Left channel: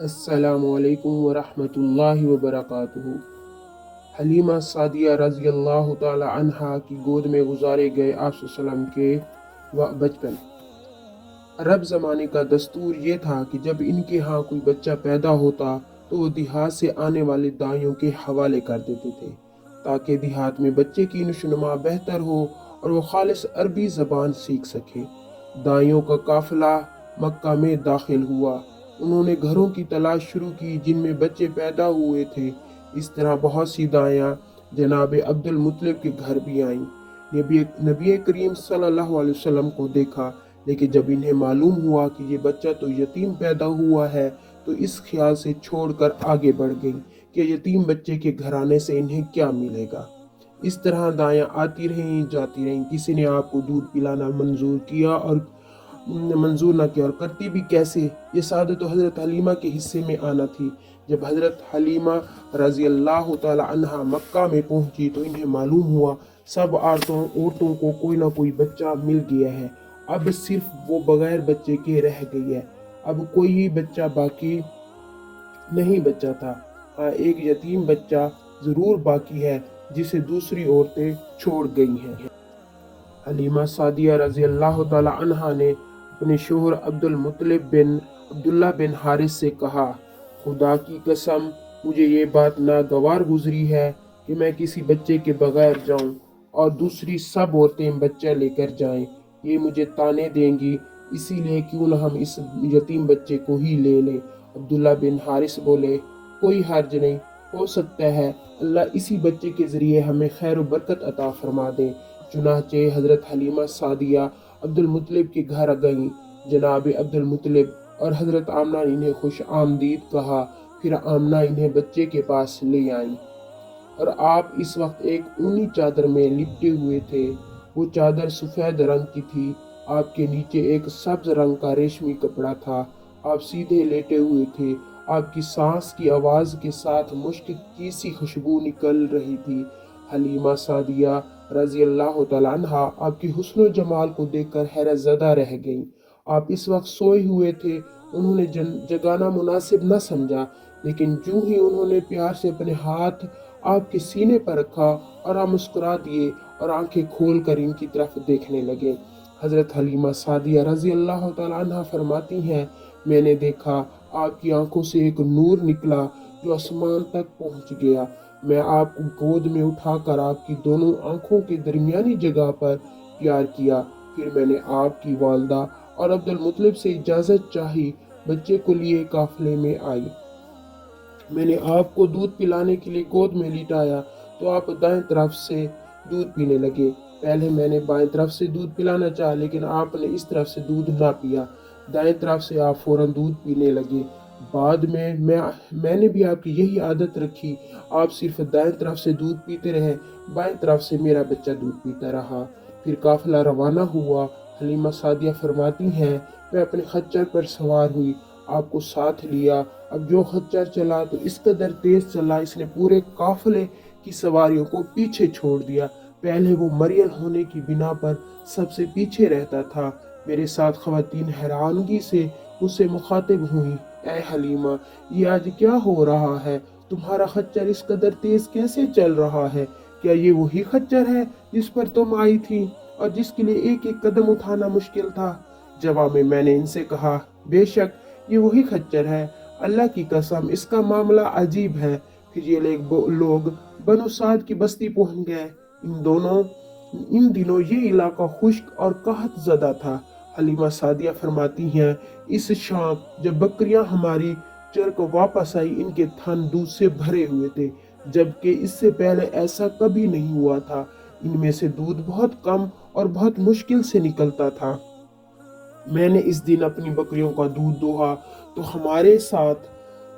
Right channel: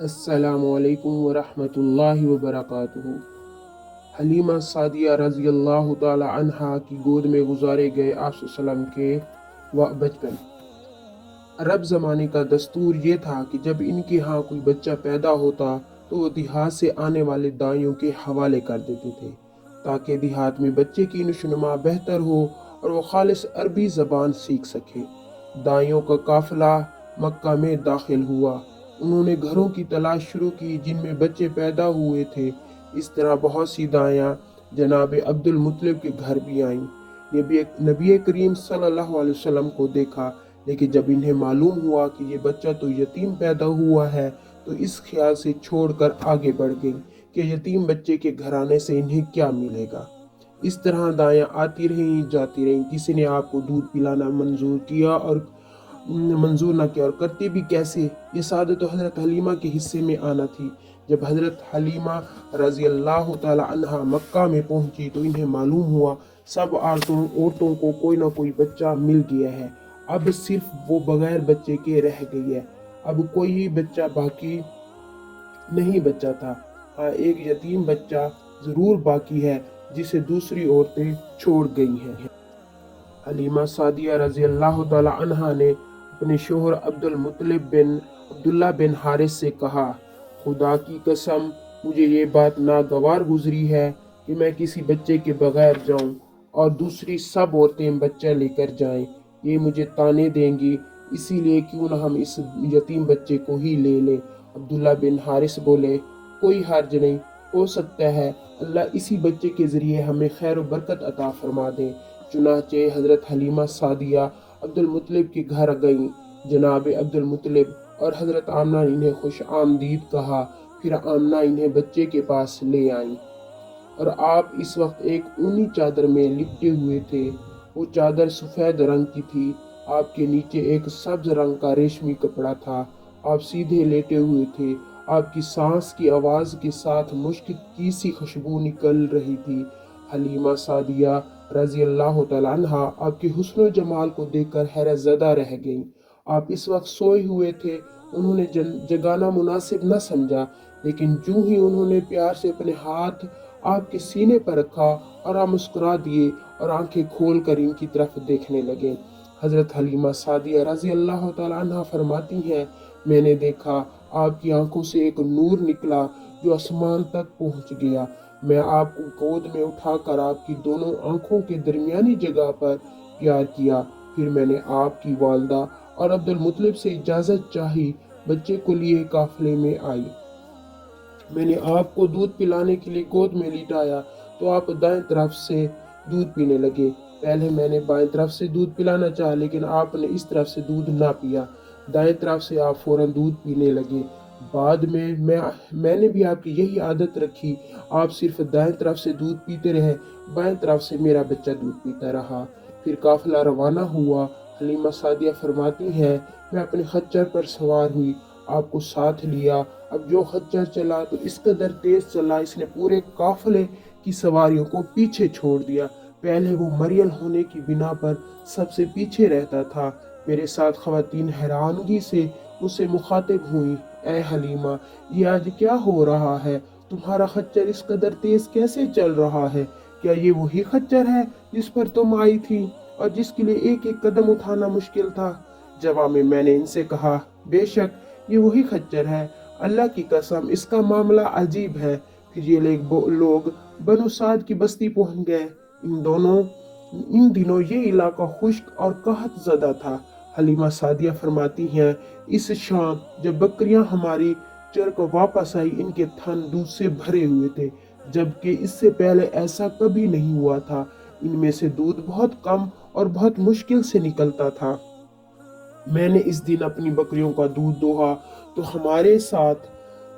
السلام علیکم ورحمۃ اللہ وبرکاتہ۔ حلیمہ سعدیہ رضی اللہ تعالی عنہا کی گود میں گزارے گئے آپ صلی اللہ علیہ وسلم کے بچپن۔ عرب زمانے کا دستور یہ تھا کہ جب ان کے ہاں کوئی بچہ پیدا ہوتا تو وہ دیہات سے آنے والے دائیوں کے حوالے کر دیتے تھے تاکہ دیہات میں بچے کی نشوونما بہتر ہو اور وہ خالص عربی زبان سیکھ سکے۔ دائیوں کا قافلہ مکہ میں داخل ہوا۔ انہوں نے گھروں کی تلاش شروع کی جن میں بچے پیدا ہوئے تھے۔ اس طرح بہت سی دائیاں جناب عبد المطلب کے گھر بھی آئیں۔ نبی کریم صلی اللہ علیہ وسلم کو دیکھا، لیکن جب انہیں معلوم ہوا کہ یہ بچہ تو یتیم پیدا ہوا ہے تو اس خیال سے چھوڑ کر آگے بڑھ گئی کہ یتیم بچے کے گھرانے سے انہیں کیا ملے گا۔ اس طرح دائیاں آتی رہیں جاتی رہیں، کسی نے آپ کو دودھ پلانا منظور نہ کیا اور کرتے بھی کیسے۔ یہ سعادت تو حضرت حلیمہ کے حصے میں آنا تھی۔ جب حضرت حلیمہ رضی اللہ تعالی عنہا مکہ میں پہنچی تو انہیں معلوم ہوا سب عورتوں کو کوئی نہ کوئی بچہ مل گیا ہے، اب صرف وہ بغیر بچے کے رہ گئی ہے۔ اب کوئی بچہ باقی نہیں بچا تھا، ہاں ایک یتیم بچہ ضرور باقی ہے جسے دوسری عورتیں چھوڑ گئی ہیں۔ حلیمہ سعدیہ رضی اللہ تعالی عنہا نے اپنے شوہر عبداللہ بن حارث سے کہا، خدا کی قسم مجھے یہ بات ناگوار گزری ہے کہ میں کسی بچے کے بغیر جاؤں اور دوسری سب عورتیں بچہ لے کر جائیں، یہ مجھے طعنے دیں گی، اسی لیے کیوں نہ ہم اس یتیم بچے کو ہی لے لیں۔ عبداللہ بن حارث بولے، کوئی حرج نہیں، ہو سکتا ہے اللہ اسی بچے کے ذریعے ہمیں خیر و برکت عطا فرما دے۔ چنانچہ حضرت حلیمہ سعدیہ عبد المطلب کے گھر گئیں۔ جناب عبد المطلب اور حضرت آمنہ نے انہیں خوش آمدید کہا، پھر آمنہ انہیں بچے کے پاس لے آئیں اور آپ اس وقت ایک اونی چادر میں لپٹے ہوئے تھے۔ وہ چادر سفید رنگ کی تھی، آپ کے نیچے ایک سبز رنگ کا ریشمی کپڑا تھا، آپ سیدھے لیٹے ہوئے تھے، آپ کی سانس کی آواز کے ساتھ مشک کی سی خوشبو نکل رہی تھی۔ حلیمہ سعدیہ رضی اللہ تعالی عنہا آپ کے حسن و جمال کو دیکھ کر حیرت زدہ رہ گئیں۔ آپ اس وقت سوئے ہوئے تھے، انہوں نے جگانا مناسب نہ سمجھا، لیکن جو ہی انہوں نے پیار سے اپنے ہاتھ آپ کے سینے پر رکھا اور آپ مسکرا دیے اور آنکھیں کھول کر ان کی طرف دیکھنے لگے۔ حضرت حلیمہ سعدیہ رضی اللہ تعالی عنہا فرماتی ہیں، میں نے دیکھا آپ کی آنکھوں سے ایک نور نکلا جو آسمان تک پہنچ گیا۔ میں آپ کو گود میں اٹھا کر آپ کی دونوں آنکھوں کے درمیانی جگہ پر پیار کیا، پھر میں نے آپ کی والدہ اور عبد المطلب سے اجازت چاہی، بچے کو لیے قافلے میں آئی۔ میں نے آپ کو دودھ پلانے کے لیے گود میں لٹایا تو آپ دائیں طرف سے دودھ پینے لگے۔ پہلے میں نے بائیں طرف سے دودھ پلانا چاہا لیکن آپ نے اس طرف سے دودھ نہ پیا، دائیں طرف سے آپ فوراً دودھ پینے لگے۔ بعد میں نے بھی آپ کی یہی عادت رکھی، آپ صرف دائیں طرف سے دودھ پیتے رہے، بائیں طرف سے میرا بچہ دودھ پیتا رہا۔ پھر قافلہ روانہ ہوا۔ حلیمہ سعدیہ فرماتی ہیں، میں اپنے خچر پر سوار ہوئی، آپ کو ساتھ لیا۔ اب جو خچر چلا تو اس قدر تیز چلا اس نے پورے قافلے کی سواریوں کو پیچھے چھوڑ دیا۔ پہلے وہ مریل ہونے کی بنا پر سب سے پیچھے رہتا تھا۔ میرے ساتھ خواتین حیرانگی سے مجھ سے مخاطب ہوئیں، اے حلیمہ یہ آج کیا ہو رہا ہے؟ تمہارا خچر اس قدر تیز کیسے چل رہا ہے؟ کیا یہ وہی خچر ہے جس پر تم آئی تھی اور جس کے لیے ایک ایک قدم اٹھانا مشکل تھا؟ جواب میں نے ان سے کہا، بے شک یہ وہی خچر ہے، اللہ کی قسم اس کا معاملہ عجیب ہے۔ پھر یہ لوگ بنو سعد کی بستی پہنچ گئے۔ ان دنوں یہ علاقہ خشک اور قحط زدہ تھا۔ حلیمہ سعدیہ فرماتی ہیں، اس شام جب بکریاں ہماری چر کو واپس آئی ان کے تھن دودھ سے بھرے ہوئے تھے، جبکہ اس سے پہلے ایسا کبھی نہیں ہوا تھا۔ ان میں سے دودھ بہت کم اور بہت مشکل سے نکلتا تھا۔ میں نے اس دن اپنی بکریوں کا دودھ دوہا تو ہمارے ساتھ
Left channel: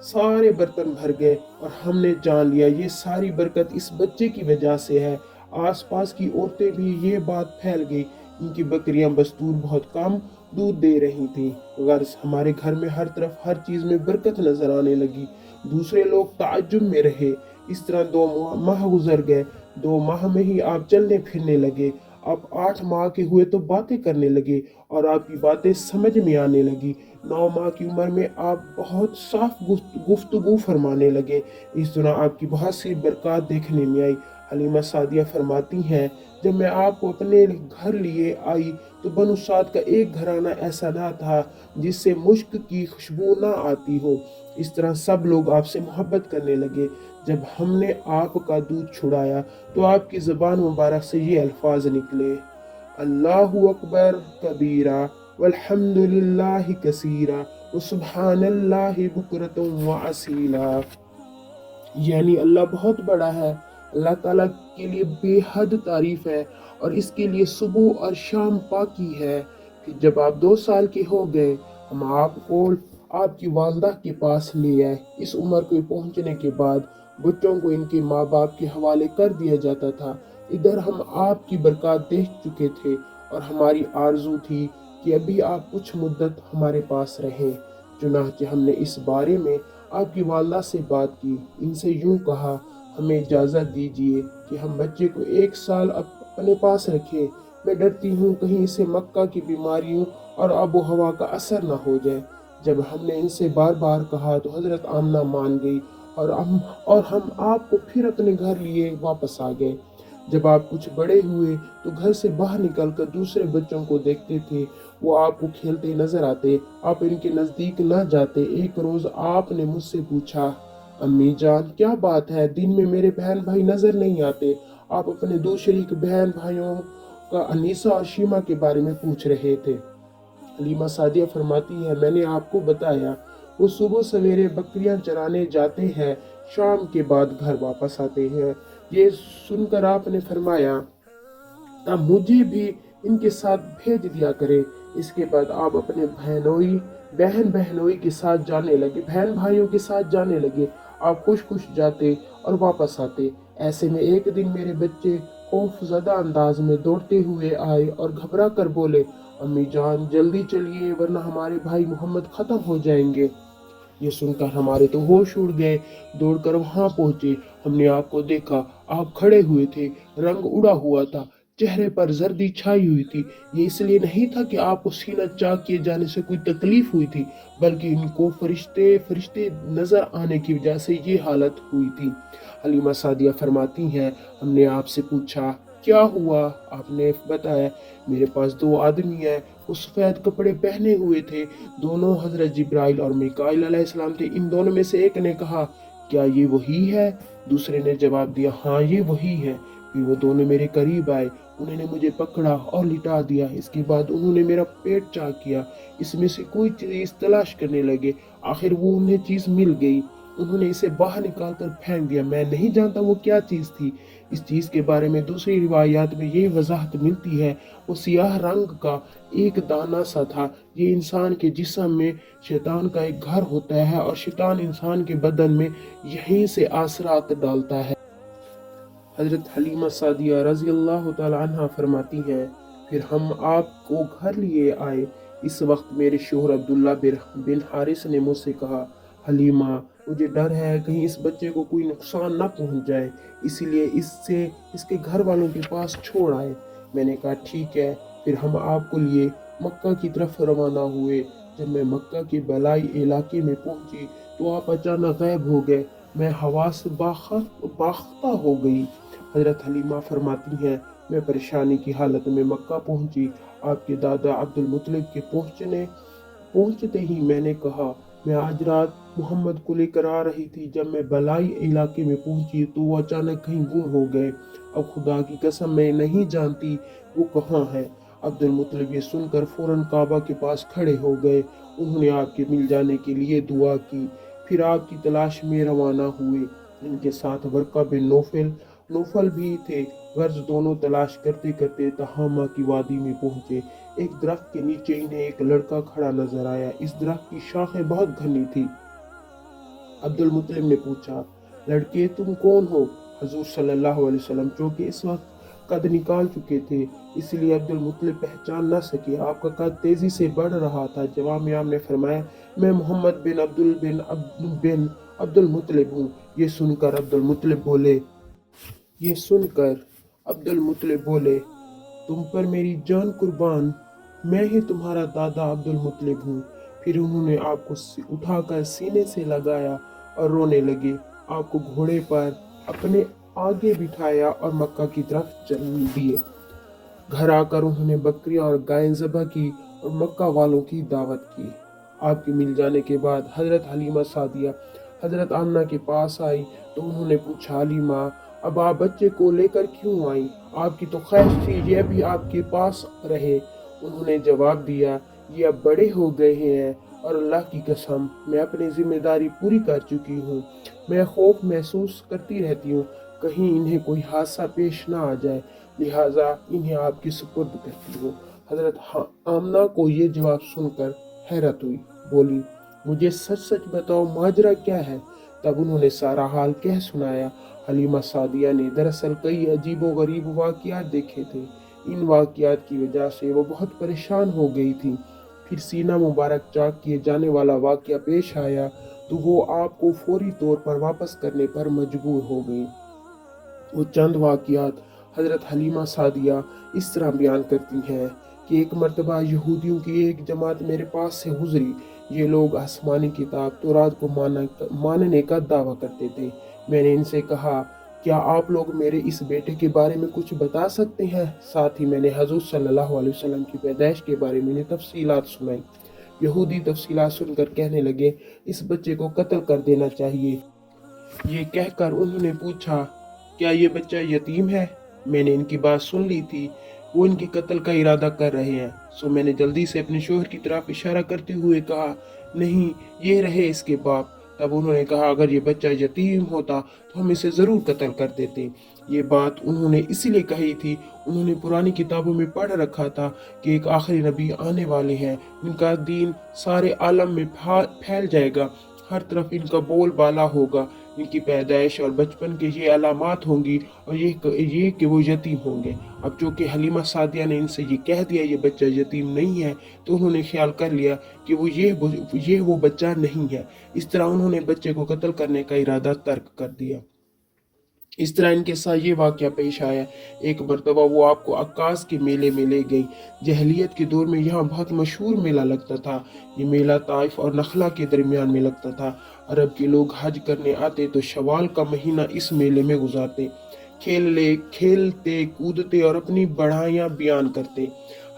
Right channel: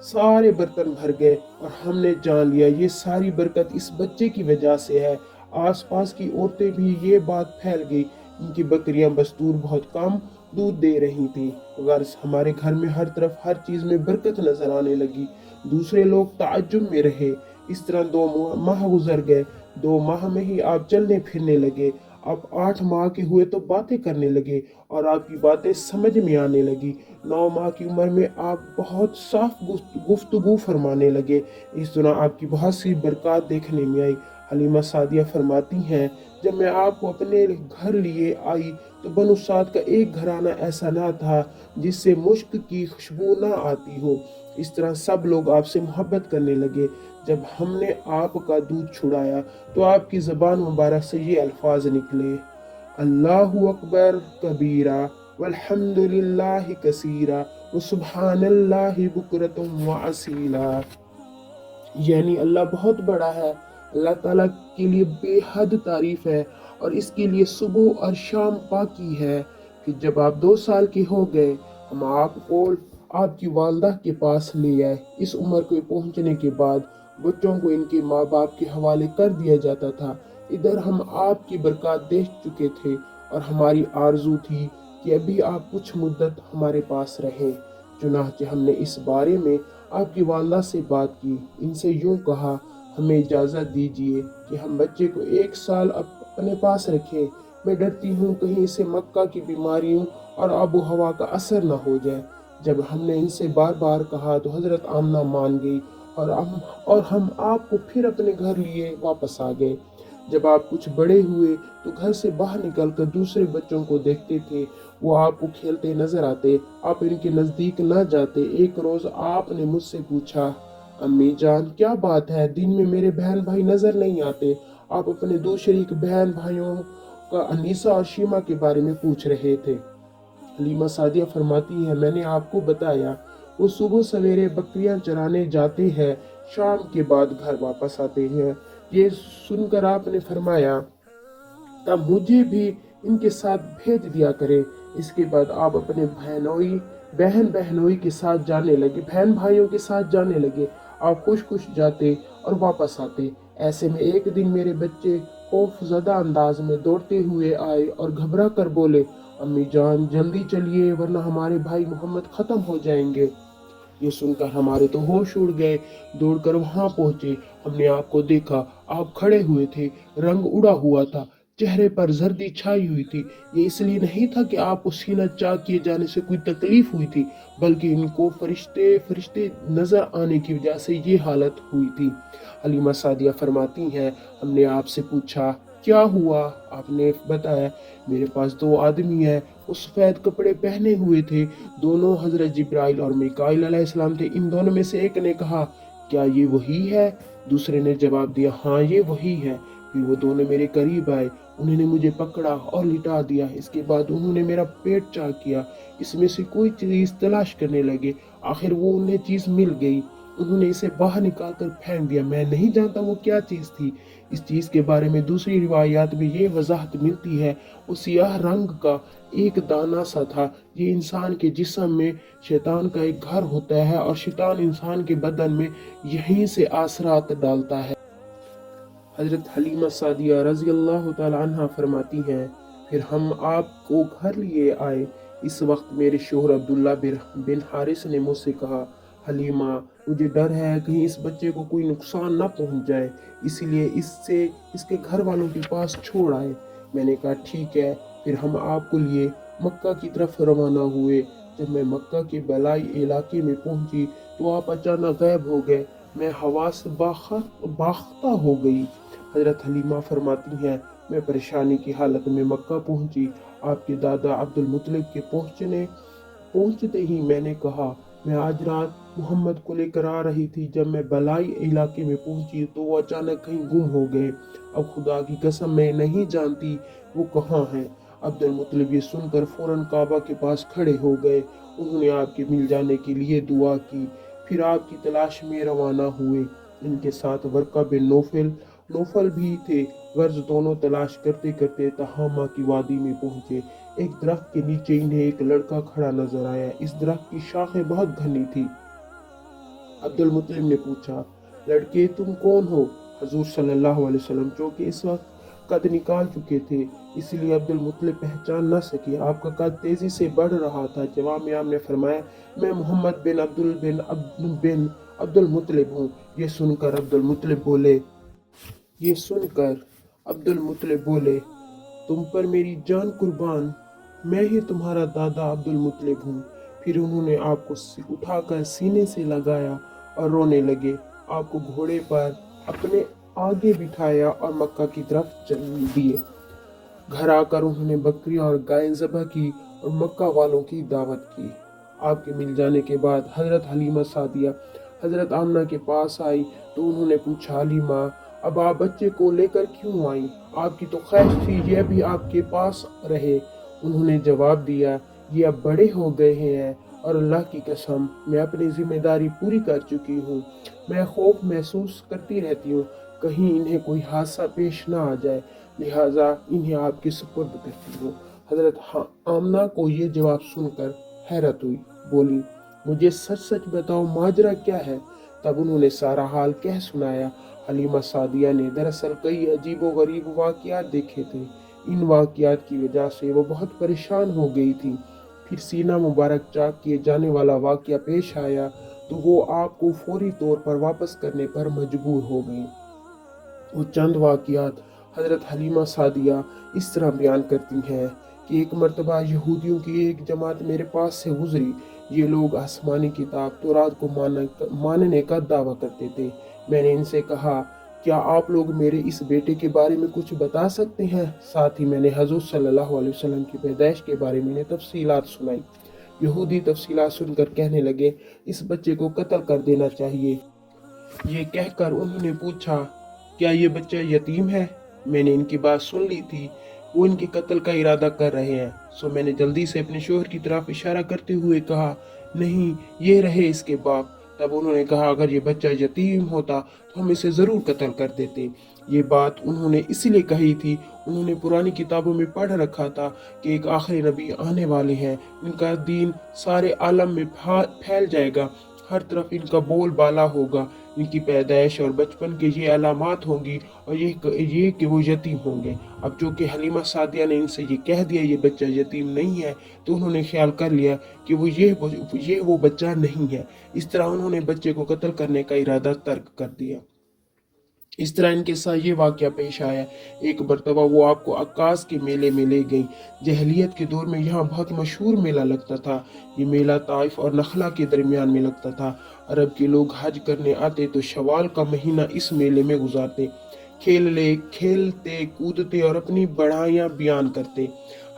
سارے برتن بھر گئے اور ہم نے جان لیا یہ ساری برکت اس بچے کی وجہ سے ہے۔ آس پاس کی عورتیں بھی یہ بات پھیل گئی، ان کی بکریاں بستور بہت کم دودھ دے رہی تھیں۔ غرض ہمارے گھر میں ہر طرف ہر چیز میں برکت نظر آنے لگی۔ دوسرے لوگ تعجب میں رہے۔ اس طرح 2 ماہ گزر گئے۔ 2 ماہ میں ہی آپ چلنے پھرنے لگے۔ آپ 8 ماہ کے ہوئے تو باتیں کرنے لگے اور آپ کی باتیں سمجھ میں آنے لگی۔ 9 माह की उम्र में आप बहुत साफ गुफ्तगू फरमाने लगे। इस दौरान आपकी बहुत सी बरक़ात देखने में आई। हलीमा सादिया फरमाती हैं, जब मैं आपको अपने घर लिए आई तो बनु साद का एक घराना ऐसा ना था जिससे मुश्क की खुशबू ना आती हो। इस तरह सब लोग आपसे मोहब्बत करने लगे। जब हमने आपका दूध छुड़ाया तो आपकी ज़बान मुबारक से ये अल्फाज निकले, अल्लाहु अकबर कबीरा वल्हम्दुलिल्लाहि कसीरा व सुब्हानल्लाहि बुकरतुम व असीला। यानी अल्लाह बहुत बड़ा है, अल्लाह ताला के लिए बेहद तारीफ है और इसके लिए सुबह और शाम पाकी है। कि जब आप 2 साल के हो गए हम आपको आपकी वालदा के पास ले आए। इस उम्र को पहुंचने के बाद बच्चों को इनके माँ बाप के हवाले कर दिया जाता था। इधर हम आपकी बरकत देख चुके थे और हमारी आरजू थी कि अभी आप कुछ मुद्दत हमारे पास रहें। चुनांचे हमने इस बारे में आपकी वालदा से बात की। इनसे यूं कहा, हमें इजाज़त दीजिए कि हम बच्चे को 1 साल अपने पास रखें। मैं डरती हूँ कहीं इसे मक्का की बीमारियों और आबो हवा का असर न हो जाए। जब हमने इनसे बार बार कहा तो हज़रत आमना मान गई और हम आपको फिर अपने घर लिए वापस आ गए। जब आप कुछ बड़े हुए तो घर से बाहर निकलकर दूसरे बच्चों को देखते थे, वो आपको खेलते नजर आते, आप इनके नज़दीक न जाते। एक रोज़ आपने मुझसे पूछा, अम्मी जान क्या बात है, दिन में मेरे बहन भाई नजर नहीं आते। आप अपने 2 शरीक बहन भाइयों का अनीसा और शीमा के बारे में पूछ रहे थे। हलीमा सादिया फरमाती है, मैंने आपको बताया वो सुबह सवेरे बकरियां चराने जाते हैं, शाम के बाद घर वापस आते हैं। ये सुनकर आपने फरमाया, तब मुझे भी इनके साथ भेज दिया करे। इसके बाद आप अपने बहन बहनोई के साथ जाने लगे, बहन भाइयों के साथ जाने लगे। आप खुश खुश जाते और वापस आते। ऐसे में एक दिन मेरे बच्चे खौफजदा अंदाज में दौड़ते हुए आए और घबरा कर बोले, अम्मी जान जल्दी चलिए वरना हमारे भाई मोहम्मद खत्म हो जाएंगे। ये सुनकर हमारे तो होश उड़ गए। दौड़कर वहां पहुंचे, हमने आपको देखा, आप खड़े हुए थे, रंग उड़ा हुआ था, चेहरे पर जर्दी छाई हुई थी। ये इसलिए नहीं था कि आपको सीना चाक किए जाने से कोई तकलीफ हुई थी, बल्कि इनको फरिश्ते फरिश्ते नजर आने की वजह से ये हालत हुई थी। हलीमा सादिया फरमाती हैं, हमने आपसे पूछा क्या हुआ, आपने बताया मेरे पास 2 आदमी हैं, वो सफेद कपड़े पहने हुए थे, दोनों हजरत जिब्राइल और मिकाइल अलैहिस्सलाम थे। इन दोनों में से एक ने कहा, क्या ये वही है? दूसरे ने जवाब दिया, हाँ ये वही है। फिर वो दोनों मेरे करीब आए, उन्होंने मुझे पकड़ा और लिटा दिया। इसके बाद उन्होंने मेरा पेट चाक किया, इसमें से कोई चीज तलाश करने लगे। आखिर वो उन्हें चीज मिल गई, उन्होंने इसे बाहर निकाल कर फेंक दिया। मैं नहीं जानता वो क्या चीज थी। इस चीज के बारे में दूसरी रिवायात में यही वजाहत मिलती है, वो सियाह रंग का एक दाना सा था। ये इंसान के जिस्म में शैतान का एक घर होता है और शैतान इंसान के बदन में यहीं से आसरात डालता है। हजरत हलीमा सादिया रज़ी अल्लाह तआला अन्हा फरमाती हैं, फिर हम आपको घर लिए आए। इस वक्त मेरे शोहर अब्दुल्ला बिन हारिस ने मुझसे कहा, हलीमा मुझे डर है कहीं इस बच्चे को कोई नुकसान ना पहुंच जाए, इसलिए इससे इसके घर वालों के पास छोड़ आए। मैंने कहा ठीक है। फिर हम आपको लिए मक्का की तरफ रवाना हुए। जब मैं मक्का के बलाई इलाके में पहुंची तो आप अचानक गायब हो गए। मैं हवा से बाख्ता हो गई। हजरत हलीमा फरमाती हैं, मैं परेशानी की हालत में मक्का पहुंची। आपके दादा अब्दुल मुत्तलिब के पहुंचते ही मैंने कहा, मैं आज रात मोहम्मद को लेकर आ रही थी। जब मैं बलाई इलाके में पहुंची तो वो अचानक कहीं गुम हो गए। अब खुदा की कसम मैं नहीं जानती वो कहाँ है। अब्दुल मुत्तलिब ये सुनकर फौरन काबा के पास खड़े हो गए। उन्होंने आपके मिल जाने के लिए दुआ की, फिर आपकी तलाश में रवाना हुए। इनके साथ वर्का बिन नौफल भी थे। गर्ज दोनों तलाश करते करते तहामा की वादी में पहुंचे। एक दरख्त के नीचे इन्हें एक लड़का खड़ा नजर आया। इस दरख्त की शाखें बहुत घनी थी। अब्दुल मुत्तलिब ने पूछा, लड़के तुम कौन हो? हजूर सल्लल्लाहु अलैहि वसल्लम चूंकि इस वक्त कद निकाल चुके थे, इसलिए अब्दुल मुत्तलिब पहचान न सके। आपका कद तेजी से बढ़ रहा था। जवाब में आपने फरमाया, मैं मोहम्मद बिन अब्दुल मुत्तलिब हूँ। ये सुनकर अब्दुल मुत्तलिब बोले, तुम पर मेरी जान कुर्बान, मैं ही तुम्हारा दादा अब्दुल मुत्तलिब हूँ। फिर उन्होंने आपको उठाकर सीने से लगाया और रोने लगे। आपको घोड़े पर अपने आगे बिठाया और मक्का की तरफ चल दिए। घर आकर उन्होंने बकरियां और गायें ज़बह की और मक्का वालों की दावत की। आपके मिल जाने के बाद हज़रत हलीमा सादिया हज़रत आमना के पास आई तो उन्होंने पूछा, हलीमा, अब आप बच्चे को लेकर क्यों आई? आपकी तो ख्वाहिश थी ये भी आपके पास रहे। उन्होंने जवाब दिया, ये अब बड़े हो गए हैं और अल्लाह की कसम मैं अपनी जिम्मेदारी पूरी कर चुकी हूँ। मैं खौफ महसूस करती रहती हूँ कहीं इन्हें कोई हादसा पेश ना आ जाए, लिहाजा इन्हें आपके सुपुर्द करती हूँ। हजरत आमना को ये जवाब सुनकर हैरत हुई। बोली, मुझे सच सच बताओ माजरा क्या है? तब उन्होंने सारा हाल कह सुनाया। हलीमा सादिया ने दरअसल कई अजीब व गरीब वाक़यात देखे थे। इन वाक़यात की वजह से वो बहुत परेशान हो गई थी। फिर सीना मुबारक चाक किए जाने वाला वाक़या पेश आया तो वो आपको फौरी तौर पर वापस करने पर मजबूर हो गई। वो चंद वाक़यात हज़रत हलीमा सादिया इस तरह बयान करती हैं कि एक मरतबा यहूदियों की एक जमात मेरे पास से गुजरी। ये लोग आसमानी किताब तौरात को मानने का दावा करते थे। मैंने इनसे कहा, क्या आप लोग मेरे इस बेटे के बारे में कुछ बता सकते हैं? साथ ही मैंने हजूर सल्लल्लाहु अलैहि वसल्लम की पैदाइश के बारे में तफसीलात सुनाई। यहूदी तफसीलात सुनकर कहने लगे, इस बच्चे को कत्ल कर देना चाहिए। ये कहकर उन्होंने पूछा, क्या ये बच्चा यतीम है? मैंने इनकी बात सुन ली थी, वो इनके कत्ल का इरादा कर रहे हैं। सो मैंने जल्दी से अपने शोहर की तरफ इशारा करते हुए कहा, नहीं, ये रहे इसके बाप। तब उन्होंने कहा, अगर ये बच्चा यतीम होता तो हम इसे ज़रूर कत्ल कर देते। ये बात उन्होंने इसीलिए कही थी, उन्होंने पुरानी किताबों में पढ़ रखा था कि एक आखिरी नबी आने वाले हैं, इनका दीन सारे आलम में फैल जाएगा, हर तरफ इनका बोलबाला होगा, इनकी पैदाइश और बचपन के ये अलामात होंगी और ये कि वो यतीम होंगे। अब जो कि हलीमा सादिया ने इनसे ये कह दिया ये बच्चा यतीम नहीं है, तो उन्होंने ख्याल कर लिया कि ये वो बच्चा नहीं है। इस तरह उन्होंने बच्चे को कत्ल करने का इरादा तर्क कर दिया। इस तरह इनके साथ ये वाक़या पेश आया। एक मरतबा वो आपको अक्कास के मेले में ले गई। जहलियत के दौर में यहाँ बहुत मशहूर मेला लगता था। ये मेला ताइफ और नखला के दरमियान में लगता था। अरब के लोग हज करने आते तो शवाल का महीना इस मेले में गुजारते, खेलते कूदते और अपनी बढ़ाइयाँ बयान करते।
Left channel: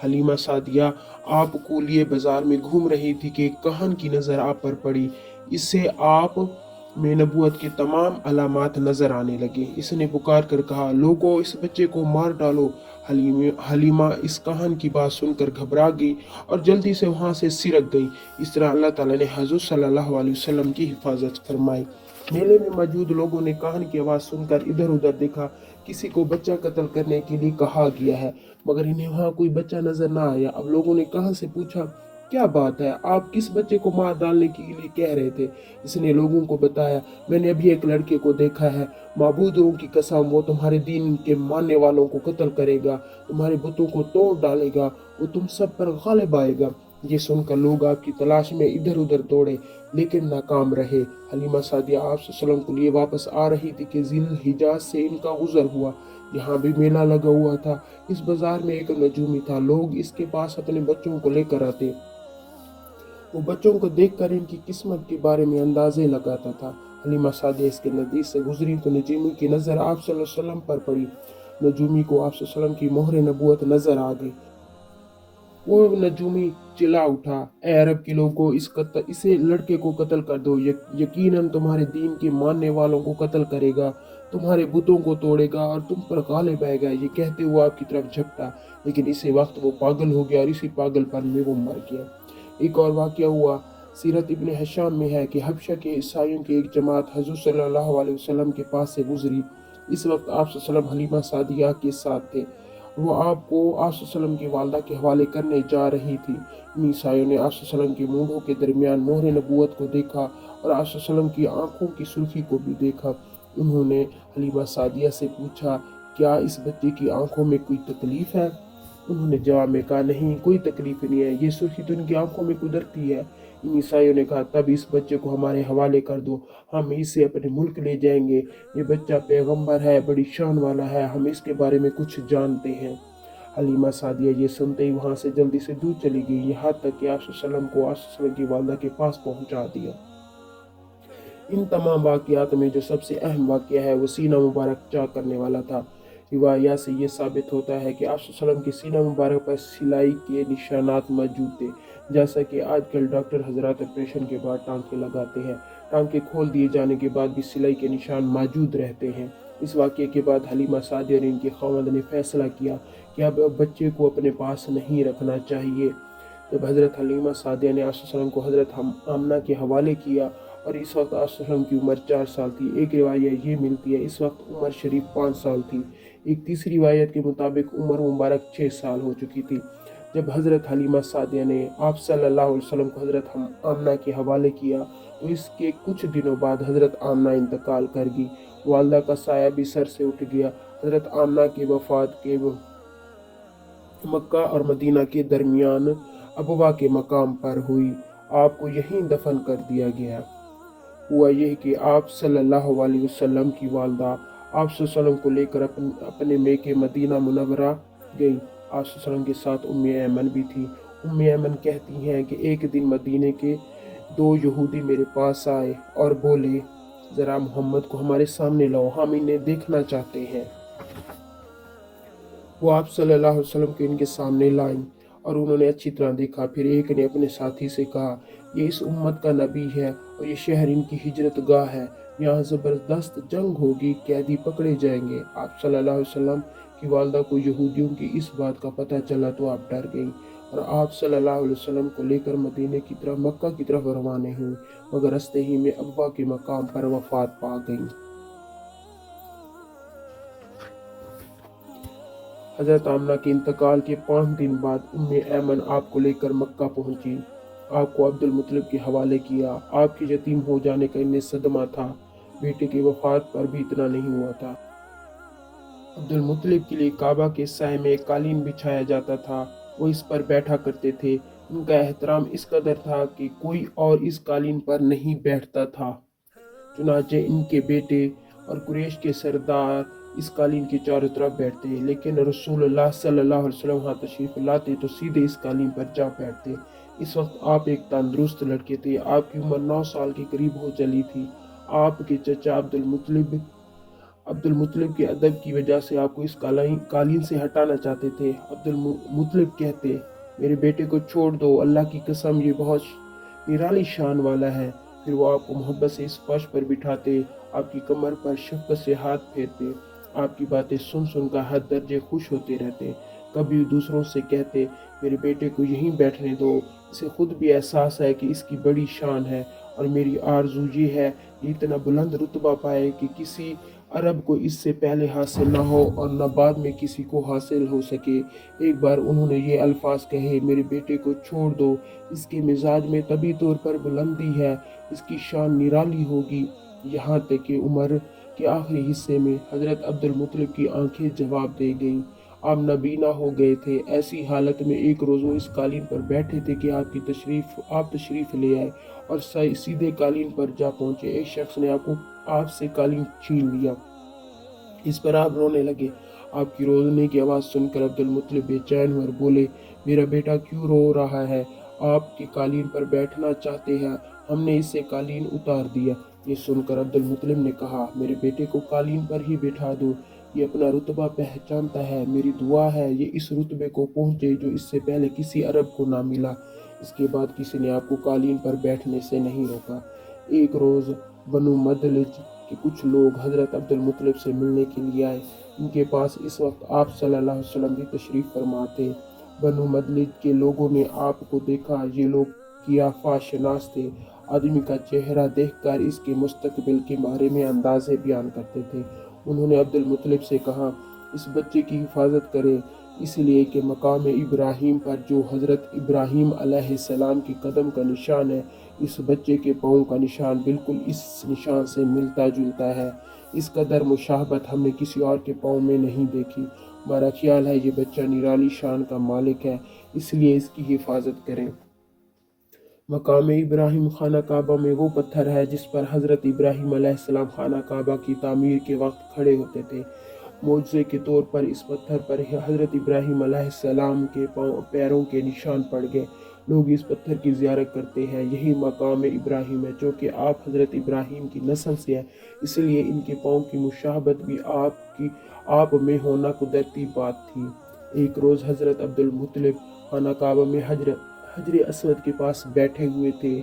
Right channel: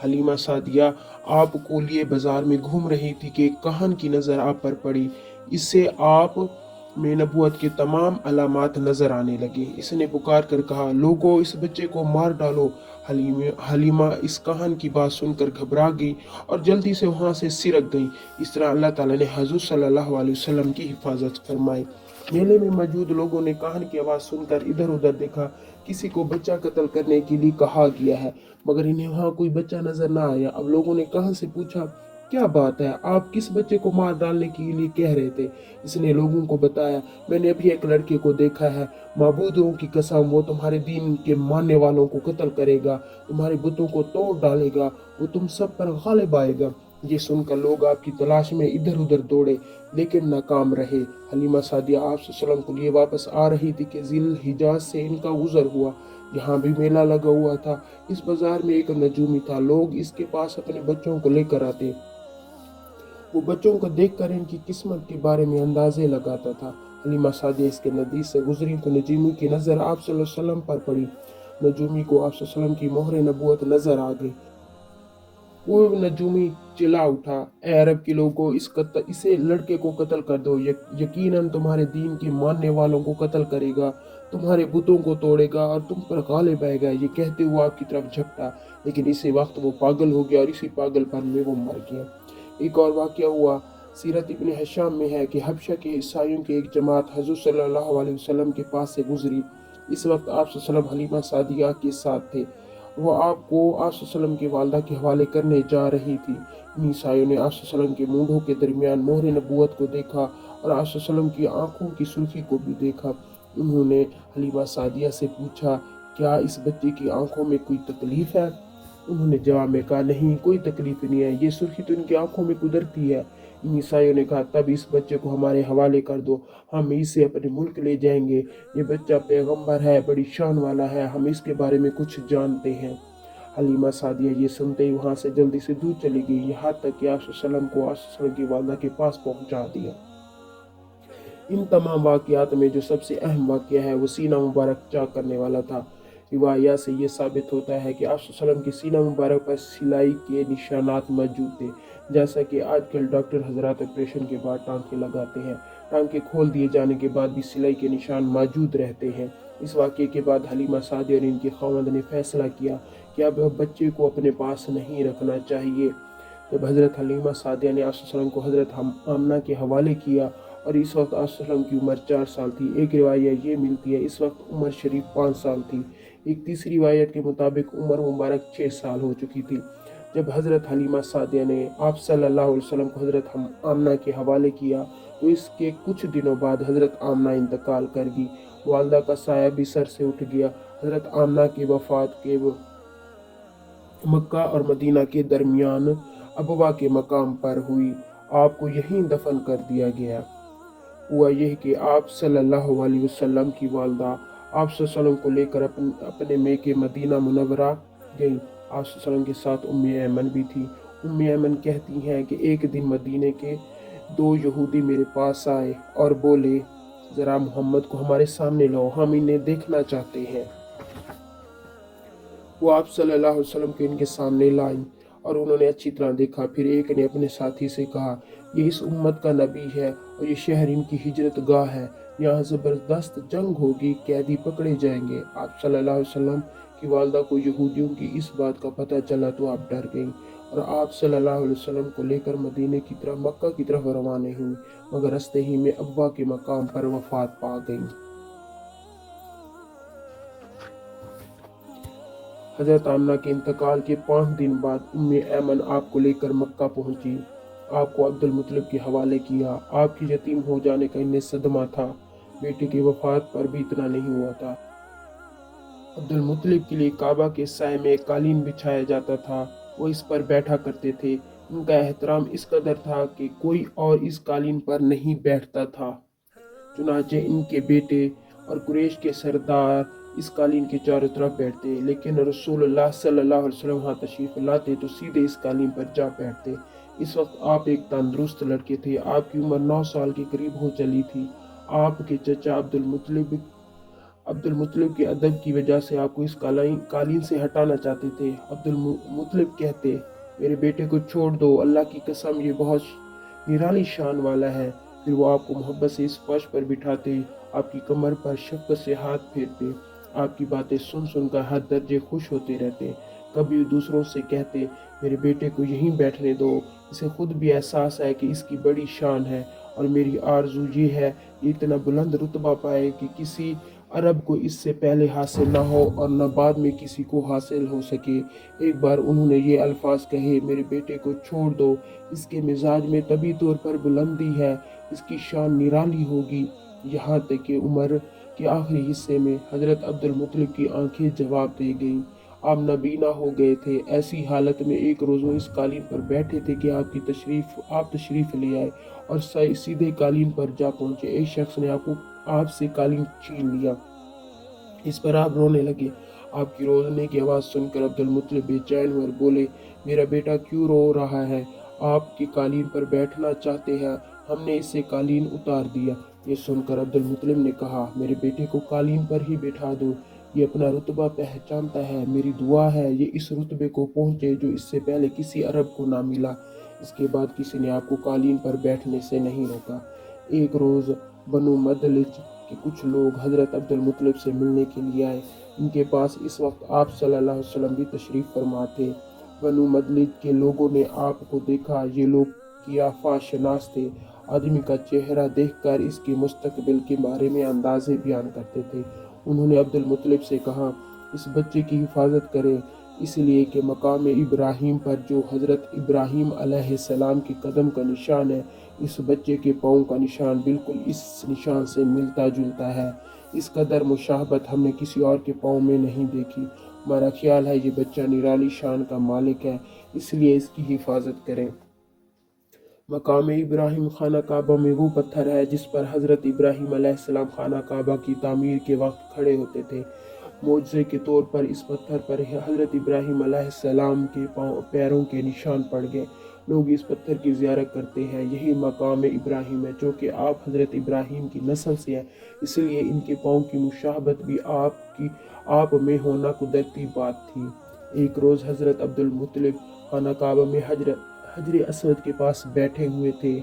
हलीमा सादिया आपको लिए बाजार में घूम रही थी कि एक कहन की नज़र आप पर पड़ी। इससे आप में नबूवत के तमाम अलामात नजर आने लगे। इसने पुकार कर कहा, लोगों, इस बच्चे को मार डालो। हलीमा इस कहानी की बात सुनकर घबरा गई और जल्दी से वहां से सिरक गई। इस तरह अल्लाह ताला ने हजूर सल्लल्लाहु अलैहि वसल्लम की हिफाजत फरमाई। मेले में मौजूद लोगों ने कहानी की आवाज़ सुनकर इधर उधर देखा। किसी को बच्चा कत्ल करने के लिए कहा गया है, मगर इन्हें वहाँ कोई बच्चा नजर ना आया। अब लोगों ने कहां से पूछा, क्या बात है, आप किस बच्चे को मार डालने के लिए कह रहे थे? इसने लोगों को बताया, मैंने अभी एक लड़के को देखा है, माबूदों की कसम वो तुम्हारे दीन के मानने वालों को कत्ल करेगा, तुम्हारे बुतों को तोड़ डालेगा, वो तुम सब पर गालिब आएगा। ये सुनकर लोग आपकी तलाश में इधर उधर दौड़े, लेकिन नाकाम रहे। हलीमा सादिया आप सल्लल्लाहु अलैहि वसल्लम के लिए वापस आ रही थी कि जिल हिजाज से इनका गुजर हुआ। यहाँ भी मेला लगा हुआ था। इस बाजार में एक नजूमी था, लोग इसके पास अपने बच्चों को लेकर आते। वो बच्चों को देखकर इनकी किस्मत के बारे में अंदाजे लगाता था। हलीमा सादिया इसके नज़दीक से गुजरी तो नजूमी की नज़र आप सल्लल्लाहु अलैहि वसल्लम पर पड़ी। नजूमी को आप सल्लल्लाहु अलैहि वसल्लम की मोहर नबूवत नजर आ गई। वो नजूमी चिल्ला उठा, ए अरब के लोगों, इसे लड़के को कत्ल कर दो। यकीनन तुम्हारे दीन के मानने वालों को कत्ल करेगा, तुम्हारे बुतों को तोड़ेगा और तुम पर गालिब आएगा। ये कहते हुए आपकी तरफ झपटा, लेकिन इसी वक्त वो पागल हो गया और इसी पागलपन में वो मर गया। एक और वाक़या हुआ, सीरत इब्न हिशाम में है कि हबशा के ईसाइयों की एक जमात हजूर सल्लल्लाहु अलैहि वसल्लम के पास से गुजरी। इस वक्त आप सल्लल्लाहु अलैहि वसल्लम हलीमा सादिया के साथ थे। वो आपको आप सल्लल्लाहु अलैहि वसल्लम की वालदा के हवाले करने जा रही थी। इन ईसाइयों ने आप सल्लल्लाहु अलैहि वसल्लम के मूंढों के दरमियान मोहर नबूवत को देखा और आप सल्लल्लाहु अलैहि वसल्लम की आंखों की सुर्खी को भी देखा। उन्होंने हलीमा सादिया से पूछा, क्या इस बच्चे की आंखों में कोई तकलीफ है? उन्होंने जवाब में कहा, नहीं, कोई तकलीफ नहीं है, ये सुर्खी तो इनकी आंखों में कुदरती है। इन ईसाइयों ने कहा, तब इस बच्चे को हमारे हवाले कर दो, हम इसे अपने मुल्क ले जाएंगे। ये बच्चा पैगंबर है, बड़ी शान वाला है, हम इसके बारे में कुछ जानते हैं। हलीमा सादिया ये सुनते ही वहाँ से जल्दी से दूर चली गई, यहाँ तक कि आप सल्लम को आप की वालदा के पास पहुँचा दिया। इन तमाम वाक़यात में जो सबसे अहम वाक़या है वो सीना मुबारक चाक करने वाला था। रिवाया से ये साबित होता है कि आप सल्लम की सीना मुबारक पर सिलाई के निशानात मौजूद थे, जैसा कि आजकल डॉक्टर हजरात ऑपरेशन के बाद टांके लगाते हैं। टांके खोल दिए जाने के बाद भी सिलाई के निशान मौजूद रहते हैं। इस वाक़ये के बाद हलीमा सादिया और इनके ख़ावंद ने फैसला किया कि अब बच्चे को अपने पास नहीं रखना चाहिए। जब हज़रत हलीमा सादिया ने आप को हज़रत आमना के हवाले किया और इस वक्त आप की उम्र 4 साल थी। एक रिवायत ये मिलती है इस वक्त उमर शरीफ 5 साल थी। एक तीसरी रिवायत के मुताबिक उमर मुबारक 6 साल हो चुकी थी जब हज़रत हलीमा सादिया ने आप सल्लल्लाहु अलैहि वसल्लम को हज़रत आमना के हवाले किया। तो इसके कुछ दिनों बाद हज़रत आमना इंतकाल कर गई। वालदा का साया भी सर से उठ गया। हज़रत आमना के वफ़ात के मक्का और मदीना के दरमियान अबवा के मकाम पर हुई। आपको यहीं दफन कर दिया गया। हुआ यह कि आप सल्लल्लाहु अलैहि वसल्लम की वालदा आप सल्लम को लेकर अपने मेके मदीना मुनव्वरा गई। आप सल्लम के साथ उम्मे ऐमन भी थी। उम्मे ऐमन कहती हैं कि एक दिन मदीने के 2 यहूदी मेरे पास आए और बोले, ज़रा मोहम्मद को हमारे सामने लाओ, हम इन्हें देखना चाहते हैं। वो आप सल्लल्लाहु अलैहि वसल्लम को इनके सामने लाई और उन्होंने अच्छी तरह देखा। फिर एक ने अपने साथी से कहा, ये इस उम्मत का नबी है और ये शहर इनकी हिजरत गाह है, यहाँ ज़बरदस्त जंग होगी, कैदी पकड़े जाएंगे। आप सल्लल्लाहु अलैहि वसल्लम की वालदा को यहूदियों की इस बात का पता चला तो आप डर गई और आप सल्लल्लाहु अलैहि वसल्लम को लेकर मदीने की तरफ मक्का की तरफ रवाना हुई, मगर रास्ते ही में अब्वा के मकाम पर वफात पा गई। हज़रत आमना के इंतकाल के 5 दिन बाद उम्मे ऐमन आपको लेकर मक्का पहुंची। आपको अब्दुल मुत्तलिब के हवाले किया। आपके यतीम हो जाने का इन्हें सदमा था। बेटे की वफात पर भी इतना नहीं हुआ था। अब्दुल मुत्तलिब के लिए काबा के साए में एक कालीन बिछाया जाता था। वो इस पर बैठा करते थे। उनका एहतराम इस कदर था कि कोई और इस कालीन पर नहीं बैठता था। चुनाचे इनके बेटे और कुरैश के सरदार इस कालीन के चारों तरफ बैठते, लेकिन रसूलुल्लाह सल्लल्लाहु अलैहि वसल्लम वहाँ तशरीफ लाते तो सीधे इस कालीन पर जा बैठते। इस वक्त आप एक तंदुरुस्त लड़के थे। आपकी उम्र 9 साल के करीब हो चली थी। आपके चचा अब्दुल मुत्तलिब के अदब की वजह से आपको इस कालीन से हटाना चाहते थे। अब्दुल मुत्तलिब कहते, मेरे बेटे को छोड़ दो, अल्लाह की कसम ये बहुत निराली शान वाला है। फिर वो आपको मोहब्बत से इस फर्श पर बिठाते, आपकी कमर पर शफ़क़त से हाथ फेरते, आपकी बातें सुन सुनकर हर दर्जे खुश होते रहते। कभी दूसरों से कहते, मेरे बेटे को यहीं बैठने दो, इसे खुद भी एहसास है कि इसकी बड़ी शान है और मेरी आरज़ू ये है कि इतना बुलंद रुतबा पाए कि किसी अरब को इससे पहले हासिल न हो और न बाद में किसी को हासिल हो सके। एक बार उन्होंने ये अल्फाज कहे, मेरे बेटे को छोड़ दो, इसके मिजाज में तभी तौर पर बुलंदी है, इसकी शान निराली होगी। यहाँ तक कि उम्र के आखिरी हिस्से में हज़रत अब्दुल मुत्तलिब की आंखें जवाब दे गईं। आप नबीना हो गए थे। ऐसी हालत में एक रोज़ वो इस कालीन पर बैठे थे कि आप तशरीफ़ ले आए और सीधे कालीन पर जा पहुँचे। एक शख्स ने आपसे कालीन छीन लिया। इस पर आप रोने लगे। आपकी रोने की आवाज़ सुनकर अब्दुल मुत्तलिब बेचैन हुए और बोले, मेरा बेटा क्यों रो रहा है? आपकी कालीन पर बैठना चाहते हैं, हमने इससे कालीन उतार दिया। ये सुनकर अब्दुल मुत्तलिब ने कहा, मेरे बेटे को कालीन पर ही बैठा दो, ये अपना रुतबा पहचानता है। मेरी दुआ है ये इस रुतबे को पहुँचे जो इससे पहले किसी अरब को ना मिला। इसके बाद किसी ने आपको कालीन पर बैठने से नहीं रोका। एक रोज़ बनु मदलिज के कुछ लोग हज़रत अब्दुल मुत्तलिब से मिलने के लिए आए। इनके पास इस वक्त आप सल्लल्लाहु अलैहि वसल्लम की तशरीफ़ फरमा थे। बनु मदलिज के लोगों ने आपको देखा। ये लोग कियाफा शनास थे। आदमी का चेहरा देखकर इसके मुस्तकबिल के बारे में अंदाज़े बयान करते थे। उन्होंने अब्दुल मुत्तलिब से कहा, इस बच्चे की हिफाजत करें, इसलिए कि मकाम इब्राहीम पर जो हज़रत इब्राहीम अलैहिस्सलाम के कदम का निशान है, इस बच्चे के पाँव का निशान बिल्कुल इस निशान से मिलता जुलता है। इस कदर मुशाहबत हमने किसी और के पाँव में नहीं देखी। हमारा ख्याल है ये बच्चा निराली शान का मालिक है, इसलिए इसकी हिफाजत करें। मकाम इब्राहीम खाना काबा में वो पत्थर है जिस पर हज़रत इब्राहीम अलैहिस्सलाम खाना काबा की तामीर के वक्त खड़े होते थे। معجزے کے طور پر اس پتھر پر حضرت ابراہیم علیہ السلام کے پیروں کے نشان پڑ گئے۔ لوگ اس پتھر کی زیارت کرتے ہیں۔ یہی مقام ابراہیم ہے جو کہ آپ حضرت ابراہیم کی نسل سے ہے، اس لیے ان کے پاؤں کی مشابہت بھی آپ میں ہونا قدرتی بات تھی۔ ایک روز حضرت عبد المطلب خانہ کعبہ میں حجر اسود کے پاس بیٹھے ہوئے تھے،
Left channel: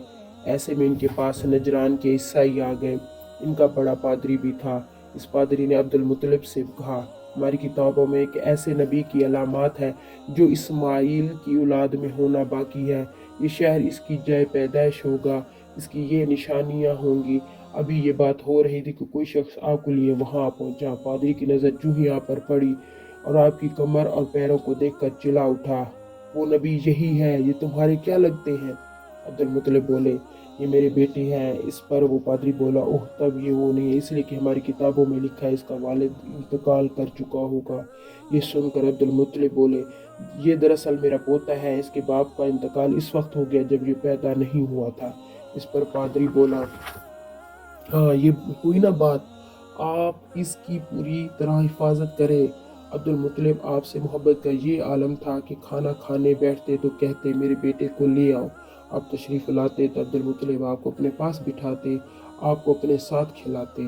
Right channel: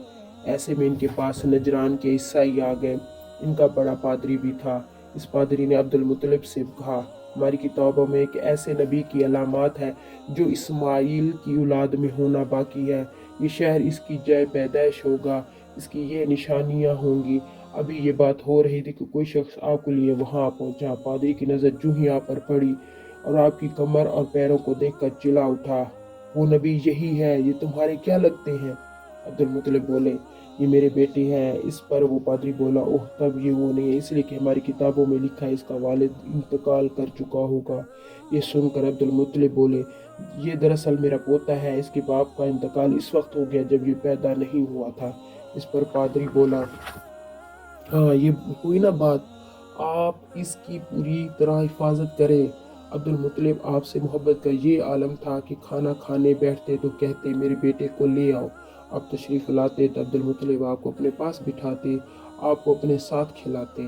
ایسے میں ان کے پاس نجران کے عیسائی آ گئے۔ ان کا بڑا پادری بھی تھا۔ اس پادری نے عبد المطلب سے کہا، ہماری کتابوں میں ایک ایسے نبی کی علامات ہے جو اسماعیل کی اولاد میں ہونا باقی ہے۔ یہ شہر اس کی جائے پیدائش ہوگا، اس کی یہ نشانیاں ہوں گی۔ ابھی یہ بات ہو رہی تھی کہ کوئی شخص آپ کو لیے وہاں پہنچا۔ پادری کی نظر جو ہی آپ پر پڑی اور آپ کی کمر اور پیروں کو دیکھ کر چلا اٹھا، وہ نبی یہی ہے، یہ تمہارے کیا لگتے ہیں؟ عبد المطلب بولے، یہ میرے بیٹے ہیں۔ اس پر وہ پادری بولا، اوہ تب یہ وہ نہیں، اس لیے کہ ہماری کتابوں میں لکھا ہے اس کا والد انتقال کر چکا ہوگا۔ یہ سن کر عبد المطلب بولے، یہ دراصل میرا پوتا ہے، اس کے باپ کا انتقال اس وقت ہو گیا جب یہ پیدا نہیں ہوا تھا۔ اس پر پادری بولا، ہاں یہ ہوئی نا بات، آپ اس کی پوری طرح حفاظت کریں۔ عبد المطلب آپ سے محبت کا یہ عالم تھا کہ کھانا کھانے بیٹھتے تو کہتے، میرے بیٹے کو لے آؤ۔ آپ تشریف لاتے تو عبد المطلب آپ کو اپنے پاس بٹھاتے، آپ کو اپنے ساتھ کھلاتے۔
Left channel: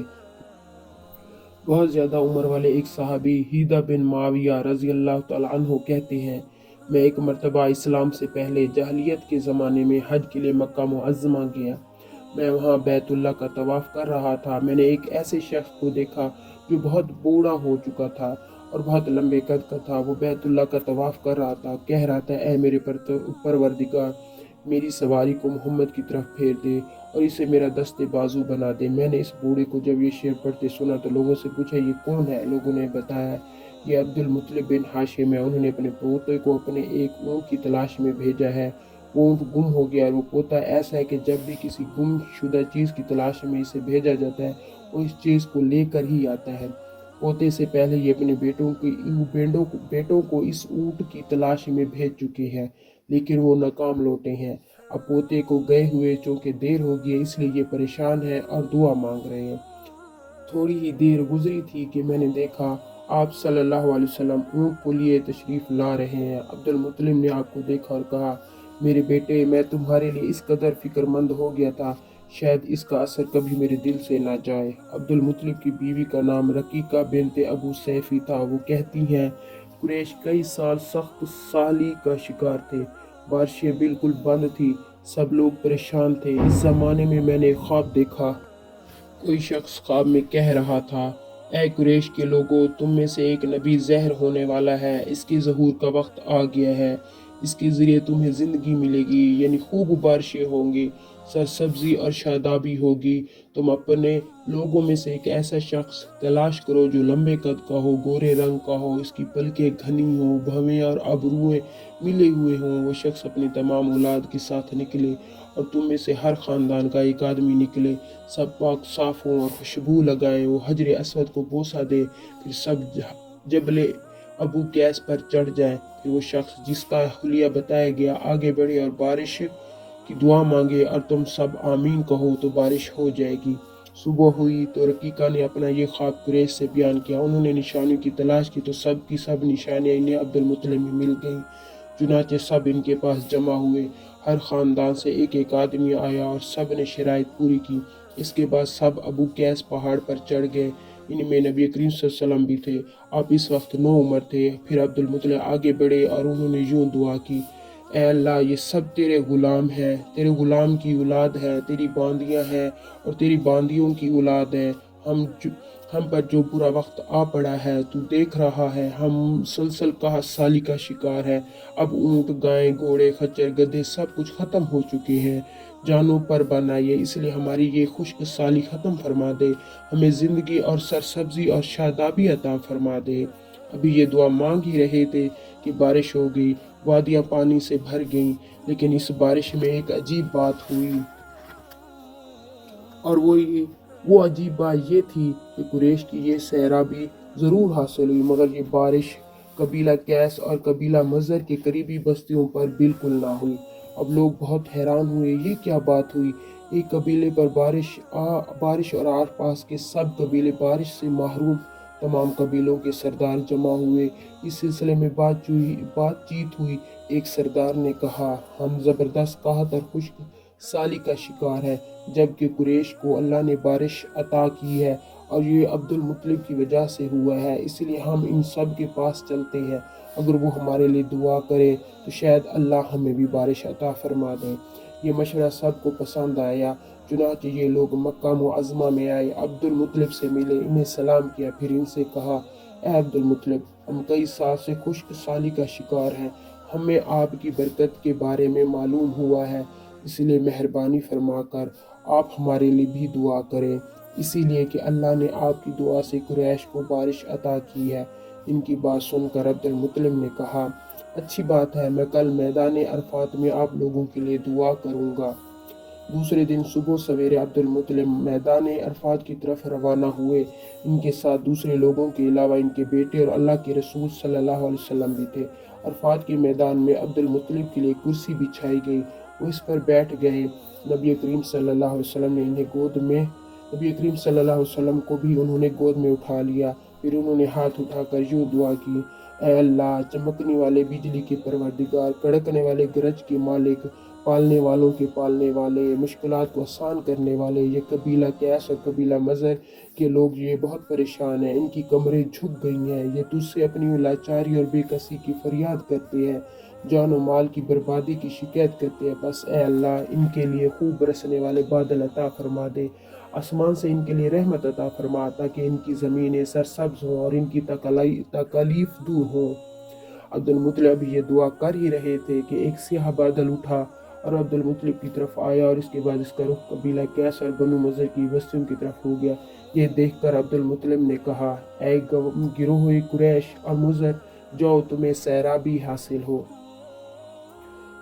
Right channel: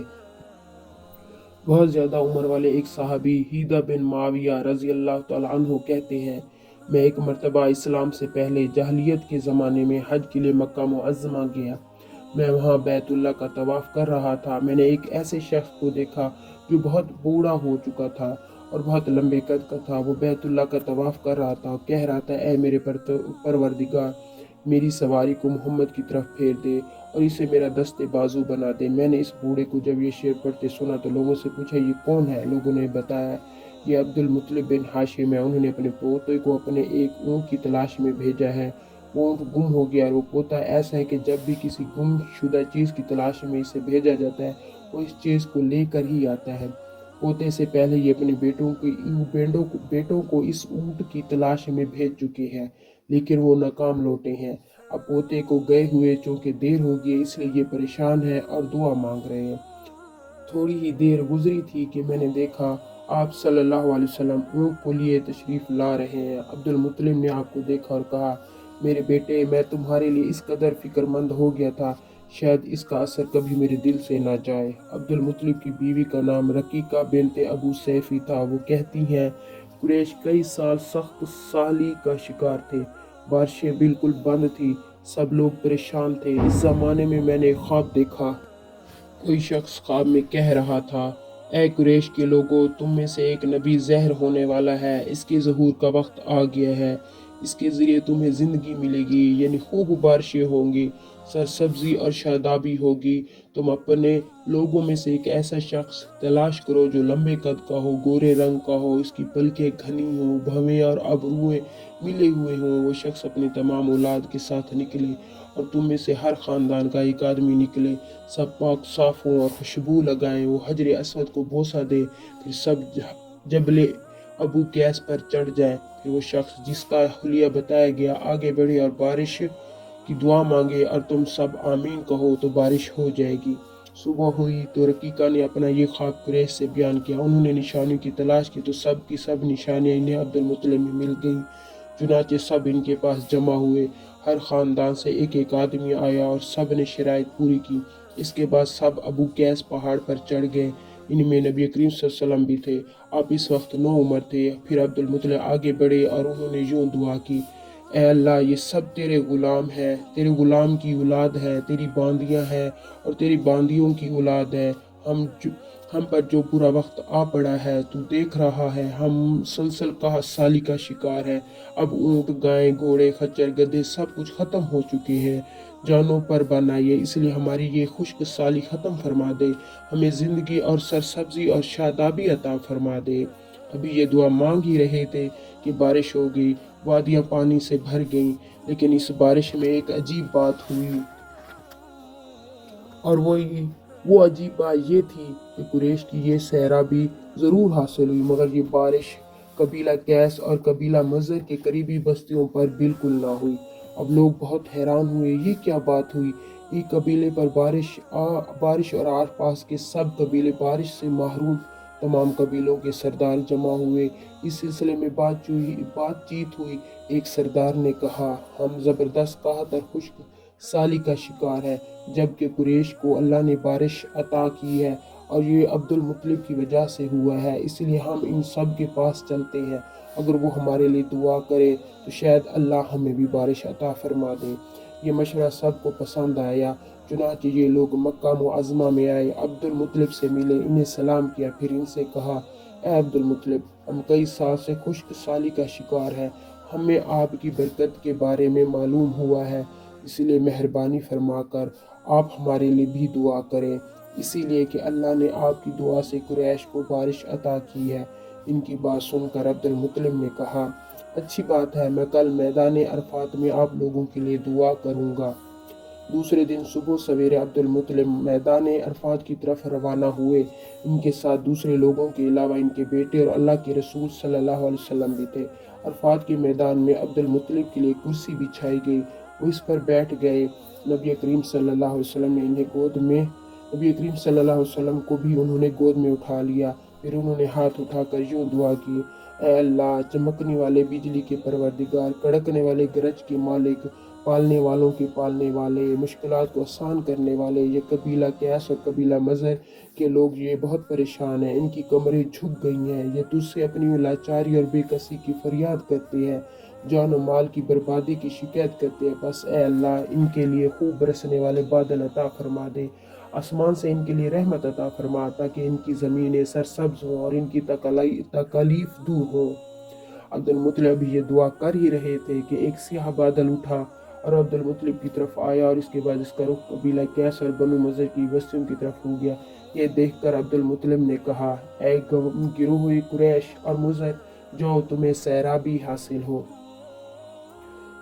بہت زیادہ عمر والے ایک صحابی ہیدا بن معاویہ رضی اللہ تعالیٰ عنہ کہتے ہیں، میں ایک مرتبہ اسلام سے پہلے جاہلیت کے زمانے میں حج کے لیے مکہ معظمہ گیا۔ میں وہاں بیت اللہ کا طواف کر رہا تھا۔ میں نے ایک ایسے شخص کو دیکھا جو بہت بوڑھا ہو چکا تھا اور بہت لمبے قد کا تھا۔ وہ بیت اللہ کا طواف کر رہا تھا اور کہہ رہا تھا، اے میرے پروردگار، میری سواری کو محمد کی طرف پھیر دے اور اسے میرا دست بازو بنا دے۔ میں نے اس بوڑھے کو جب یہ شعر پڑھتے سنا تو لوگوں سے پوچھا، یہ کون ہے؟ لوگوں نے بتایا، یہ عبد المطلب بن ہاشم ہے، انہوں نے اپنے پوتے کو اپنے ایک اونٹ کی تلاش میں بھیجا ہے۔ اونٹ گم ہو گیا اور وہ پوتا ایسا ہے کہ جب بھی کسی گم شدہ چیز کی تلاش میں اسے بھیجا جاتا ہے وہ اس چیز کو لے کر ہی آتا ہے۔ پوتے سے پہلے یہ اپنے بیٹوں کو اس اونٹ کی تلاش میں بھیج چکے ہیں لیکن وہ ناکام لوٹے ہیں۔ اب پوتے کو گئے ہوئے چونکہ دیر ہو گئی اس لیے یہ پریشان ہے اور دعا مانگ رہے ہیں۔ تھوڑی ہی دیر گزری تھی کہ میں نے دیکھا آپ صلی اللہ علیہ وسلم اونٹ کو لیے تشریف لا رہے ہیں۔ عبد المطلب نے آپ کو دیکھا اور کہا، میرے بیٹے، میں تمہارے لیے اس قدر فکر مند ہو گیا تھا، شاید اس کا اثر کبھی میرے دل سے نہ جائے۔ عبد المطلب کی بیوی کا نام رقیقہ بنت ابو سیفی تھا۔ وہ کہتی ہیں، قریش کئی سال سخت سالی کا شکار تھے، بارشیں بالکل بند تھی، سب لوگ پریشان تھے۔ اس زمانے میں نے ایک خواب دیکھا۔ کوئی شخص خواب میں کہہ رہا تھا، اے قریش کے لوگوں، تم میں سے ایک نبی ظاہر ہونے والا ہے، اس کے ظہور کا وقت آ گیا ہے، اس کے ذریعے تمہیں زندگی ملے گی، یعنی خوب بارشیں ہوں گی، سرسبزی اور شادابی ہوگی۔ تم اپنے لوگوں میں سے ایک ایسا شخص تلاش کرو جو لمبے قد کا ہو، گورے رنگ کا ہو، اس کی پلکیں گھنی ہوں، بھویں اور ابروئے ملے ہوئے ہوں۔ وہ شخص اپنی تمام اولاد کے ساتھ نکلے اور تم میں سے ہر خاندان کا ایک آدمی نکلے، سب پاک صاف ہوں اور خوشبو لگائیں۔ وہ حجر اسود کو بوسہ دے، پھر سب جبل ابو قیس پر چڑھ جائے۔ پھر وہ شخص جس کا حلیہ بتایا گیا آگے بڑھے اور بارش کی دعا مانگے اور تم سب آمین کہو تو بارش ہو جائے گی۔ صبح ہوئی تو رقیقہ نے اپنا یہ خواب قریش سے بیان کیا۔ انہوں نے نشانیوں کی تلاش کی تو سب کی سب نشانیاں انہیں عبد المطلب میں مل گئیں۔ چنانچہ سب ان کے پاس جمع ہوئے، ہر خاندان سے ایک ایک آدمی آیا اور سب نے شرائط پوری کی۔ اس کے بعد سب ابو قیس پہاڑ پر چڑھ گئے، ان میں نبی کریم صلی اللہ علیہ وسلم بھی تھے۔ آپ اس وقت نوعمر تھے۔ پھر عبد المطلب آگے بڑھے اور انہوں نے یوں دعا کی، اے اللہ، یہ سب تیرے غلام ہیں، تیرے غلام کی اولاد ہیں، تیری باندیاں ہیں اور تیری باندیوں کی اولاد ہیں۔ ہم پر جو برا وقت آ پڑا ہے تو دیکھ رہا ہے، ہم مسلسل قحط سالی کا شکار ہیں۔ اب اونٹ، گائے، گھوڑے، خچر، گدھے سب کچھ ختم ہو چکے ہیں، جانوں پر بن آئیے، اس لیے ہماری یہ خشک سالی ختم فرما دے، ہمیں زندگی اور سرسبزی اور شادابی عطا فرما دے۔ ابھی یہ دعا مانگ ہی رہے تھے کہ بارش ہو گئی، وادیاں پانی سے بھر گئیں، لیکن اس بارش میں ایک عجیب بات ہوئی اور وہ عجیب بات یہ تھی کہ قریش کی یہ سیرابی ضرور حاصل ہوئی مگر یہ بارش قبیلہ قیس اور قبیلہ مضر کے قریبی بستیوں پر بالکل نہ ہوئی۔ اب لوگ بہت حیران ہوئے، یہ کیا بات ہوئی؟ ایک قبیلے پر بارش اور آس پاس کے سب قبیلے بارش سے محروم तमाम कबीलों के सरदार जमा हुए। इस सिलसिले में बातचीत हुई। एक सरदार ने कहा, हम ज़बरदस्त काहत और खुश्क साली का शिकार है, जबकि कुरैश को अल्लाह ने बारिश अता की है और ये अब्दुल मुत्तलिब की वजह से हुआ है, इसलिए हम इन सब के पास चलते हैं। अगर वो हमारे लिए दुआ करे तो शायद अल्लाह हमें भी बारिश अता फरमा दे। ये मशवरा सबको पसंद आया। चुनांचे ये लोग मक्का मुअज़्ज़मा में आए, अब्दुल मुत्तलिब से मिले, इन्हें सलाम किया, फिर इनसे कहा, ए अब्दुल मुत्तलिब, हम कई साल से खुश्क साली का शिकार हैं। हमें आपकी बरकत के बारे में मालूम हुआ है, इसलिए मेहरबानी फरमाकर आप हमारे लिए भी दुआ करें, इसीलिए कि अल्लाह ने आपकी दुआ से कुरैश को बारिश अता की है। इनकी बात सुनकर अब्दुल मुत्तलिब ने कहा, अच्छी बात है, मैं कल मैदान अरफात में आप लोगों के लिए दुआ करूँगा। दूसरे दिन सुबह सवेरे अब्दुल मुत्तलिब मैदान अरफात की तरफ रवाना हुए। इनके साथ दूसरे लोगों के अलावा इनके बेटे और अल्लाह के रसूल सल्लल्लाहु अलैहि वसल्लम भी थे। अरफात के मैदान में अब्दुल मुत्तलिब के लिए कुर्सी बिछाई गई, वो इस पर बैठ गए। नबी करीम सल्लल्लाहु अलैहि वसल्लम ने इन्हें नबी करीम सल्लल्लाहु अलैहि वसल्लम को भी उन्होंने गोद में उठा लिया। फिर उन्होंने हाथ उठाकर यूँ दुआ की, ऐ अल्लाह, चमकने वाले बिजली के परवरदिगार, कड़कने वाले गरज के मालिक, पालने वालों के पालने वाले, मुश्किलात को आसान करने वाले, ये कबीला कैस और कबीला मज़र के लोग ये बहुत परेशान हैं, इनकी कमरें झुक गई हैं, ये तुझसे अपनी लाचारी और बेकसी की फरियाद करते हैं, जान और माल की बर्बादी की शिकायत करते हैं। बस ए अल्लाह, इनके लिए खूब बरसने वाले बादल अता फरमा दे, आसमान से इनके लिए रहमत अता फरमा, ताकि इनकी ज़मीनें सरसब्ज हों और इनकी तकालीफ दूर हो। अब्दुल मुत्तलिब ये दुआ कर ही रहे थे कि एक स्याह बादल उठा और अब्दुल मुत्तलिब की तरफ आया, और इसके बाद इसका रुख कबीला कैस और बनु नज़र की बस्तियों की तरफ हो गया। ये देखकर अब्दुल मुत्तलिब ने कहा, ऐ गिरोह कुरैश और मुज़र, जाओ, तुम्हें सैराबी हासिल हो।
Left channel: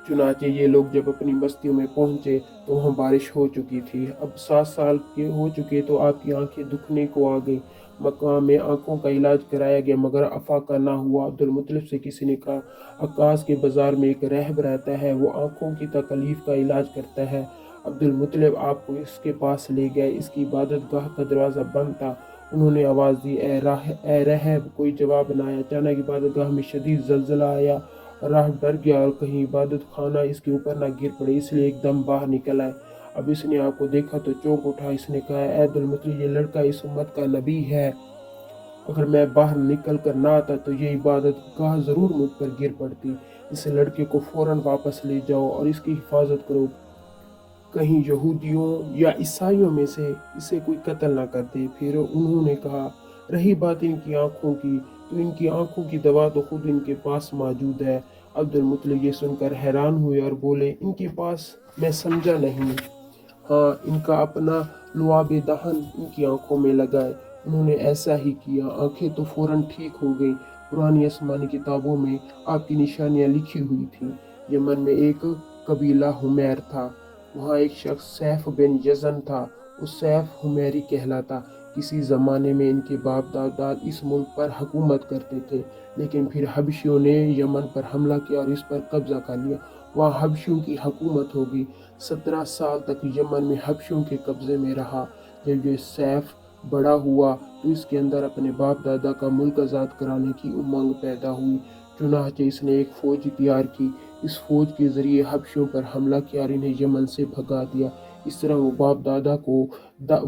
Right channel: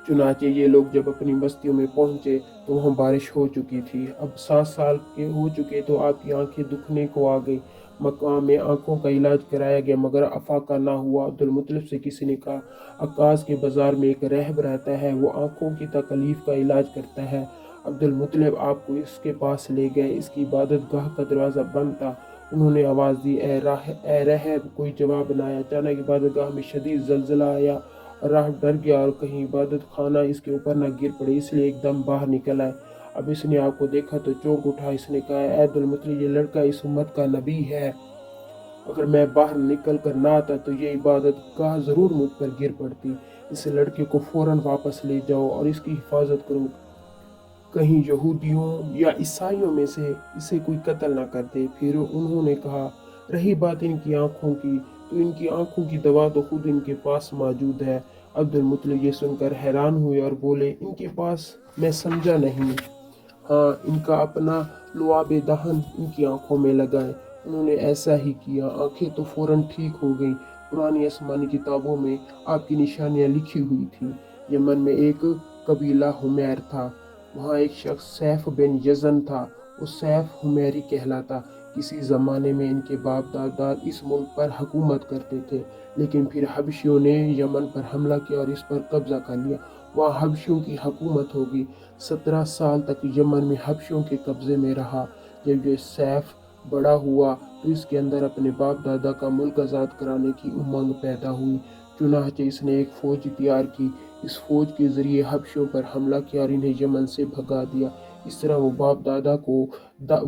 चुनांचे ये लोग जब अपनी बस्तियों में पहुंचे तो वहाँ बारिश हो चुकी थी। अब 7 साल के हो चुके तो आपकी आंखें दुखने को आ गई। मक्का में आंखों का इलाज कराया गया मगर अफाका ना हुआ। अब्दुल मुत्तलिब से किसी ने कहा, अक्कास के बाजार में एक राहब रहता है, वो आंखों की तकलीफ का इलाज करता है। अब्दुल मुत्तलिब आपको इसके पास ले गए। इसकी इबादत गाह का दरवाज़ा बंद था। उन्होंने आवाज़ दी, ए रहब। कोई जवाब न आया। अचानक इबादत गाह में शदीद जलजला आया। राह डर गया और कहीं इबादत खाना इसके ऊपर ना गिर पड़े, इसलिए एकदम बाहर निकल आए। अब इसने आपको देखा तो चौंक उठा। इसने कहा, ऐ अब्दुल मुत्तलिब, ये लड़का इस उम्मत का नबी है। अगर मैं बाहर निकल कर ना आता तो ये इबादत गाह ज़रूर मुझ पर गिर पड़ती। इस लड़के को फ़ौरन वापस ले जाओ और इसकी हिफाजत करो, कहीं यहूदियों या ईसाइयों में से इसे कोई कत्ल ना कर दे। फिर उन्होंने कहा, रही बात इनकी आंखों की, तो इनकी आंखों की दवा तो खुद इनके पास मौजूद है। अब्दुल मुत्तलिब ये सुनकर हैरान हुए और बोले, इनके पास? मैं समझा नहीं। हाँ, इनका अपना लुआब दहन इनकी आंखों में लगा है। उन्होंने ऐसा ही किया, आंखें तो फौरन ठीक हो गई। पुरानी आसमानी किताबों में आपकी निशानियाँ लिखी हुई थीं। यमन में एक कबीला हुमैर था, वहाँ एक शख्स सैफ बिन यज़न था। वो सैफ हुमैरी कहलाता। किसी ज़माने में इनके बाप दादा इस मुल्क पर हुकूमत करते थे, लेकिन फिर हबशियों ने यमन पर हमला किया और इस पर कब्जा कर लिया। वहाँ हबशियों की हुकूमत होगी। 17 साल तक यमन में हबशियों के कब्ज़े में रहा। जब ये सैफ बड़ा हुआ तो इसके अंदर अपने बाप दादा का मुल्क आज़ाद कराने की उमंग पैदा हुई। चुनांचे इसने एक फ़ौज तैयार की। इस फ़ौज के ज़रिए हबशियों पर हमला किया और इन्हें यमन से भगा दिया। इस तरह वो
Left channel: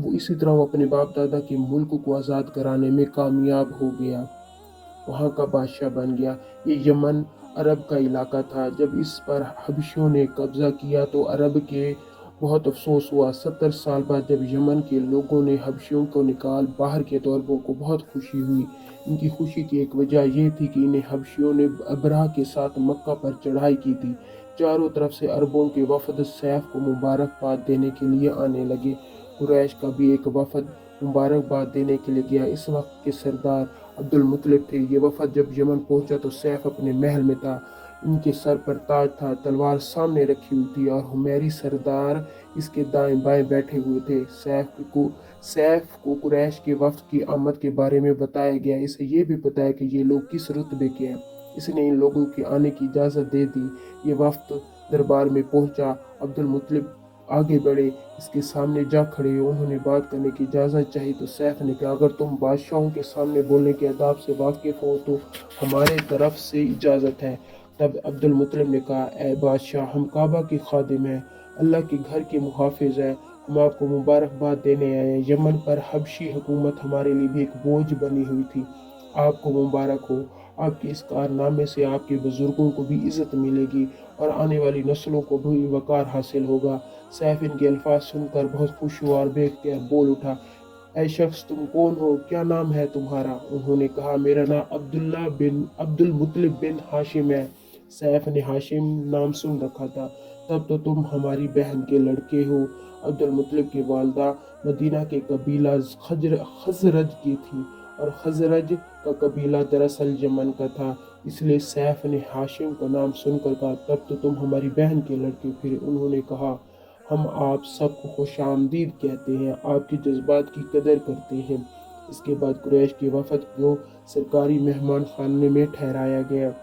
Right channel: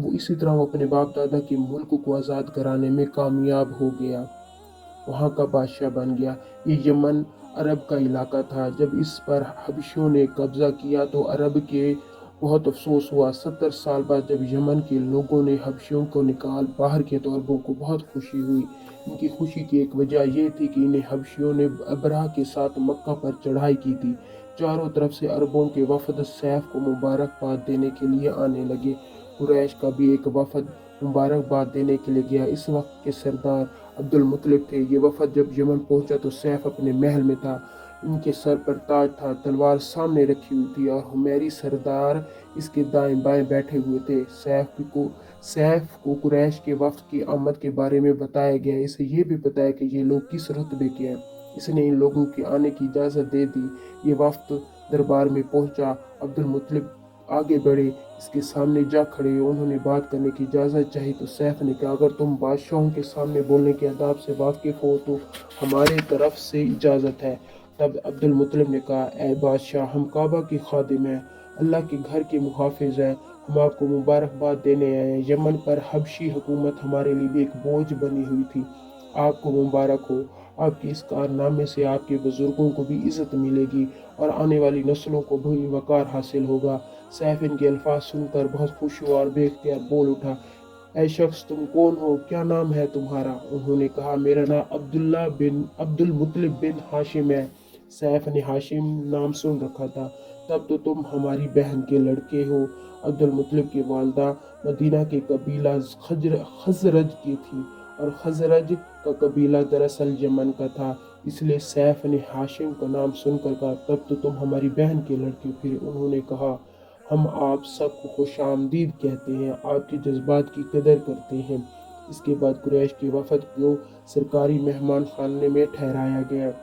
इसी तरह वो अपने बाप दादा के मुल्क को आज़ाद कराने में कामयाब हो गया, वहाँ का बादशाह बन गया। ये यमन अरब का इलाका था। जब इस पर हबशियों ने कब्ज़ा किया तो अरब के बहुत अफसोस हुआ। 70 साल बाद जब यमन के लोगों ने हबशियों को निकाल बाहर किया तो अरबों को बहुत खुशी हुई। इनकी खुशी की एक वजह यह थी कि इन्हें हबशियों ने अबरहा के साथ मक्का पर चढ़ाई की थी। चारों तरफ से अरबों के वफद सैफ को मुबारकबाद देने के लिए आने लगे। कुरैश का भी एक वफद मुबारकबाद देने के लिए गया। इस वक्त के सरदार अब्दुल मुत्तलिब थे। ये वफद जब यमन पहुंचा तो सैफ अपने महल में था। इनके सर पर ताज था, तलवार सामने रखी हुई थी और हुमैरी सरदार इसके दाएं बाएं बैठे हुए थे। सैफ को कुरैश के वफ्द की आमद के बारे में बताया गया। इसे ये भी बताया कि ये लोग किस रुतबे के हैं। इसने इन लोगों के आने की इजाज़त दे दी। ये वफ्द दरबार में पहुंचा। अब्दुल मुत्तलिब आगे बढ़े, इसके सामने जा खड़े। उन्होंने बात करने की इजाज़त चाही तो सैफ ने कहा, अगर तुम बादशाहों के सामने बोलने के आदाब से वाकिफ़ हो तो हमारे तरफ से इजाज़त है। तब अब्दुल मुत्तलिब ने कहा, ए बादशाह, हम काबा के खादिम हैं, अल्लाह के घर के मुहाफिज हैं, हम आपको मुबारकबाद देने आए हैं। यमन पर हबशी हुकूमत हमारे लिए भी एक बोझ बनी हुई थी, आपको मुबारक हो। आपके इस कारनामे से आपके बुजुर्गों को भी इज़्ज़त मिलेगी और आने वाली नस्लों को भी वक़ार हासिल होगा। सैफ इनके अल्फाज सुनकर बहुत खुश हुआ और बेख्तियार बोल उठा, ऐ शख्स, तुम कौन हो, क्या नाम है तुम्हारा? उन्होंने कहा, मेरा नाम अब्दुल मुत्तलिब बिन हाशिम है। सैफ ने हाशिम नाम सुन रखा था। तब तो तुम हमारी बहन के लड़के हो। अब्दुल मुत्तलिब की वालदा मदीना के कबीला खजरज की थी और खजरज का कबीला दरअसल यमन का था, इसलिए सैफ ने हाशिम का नाम सुनकर कहा, तब तो तुम हमारी बहन के लड़के हो। फिर उन्होंने कहा, हम आप सबको खुश आमदीद कहते हैं, आपके जज्बात की कदर करते हैं। इसके बाद कुरैश के वफद को सरकारी मेहमान खाने में ठहराया गया।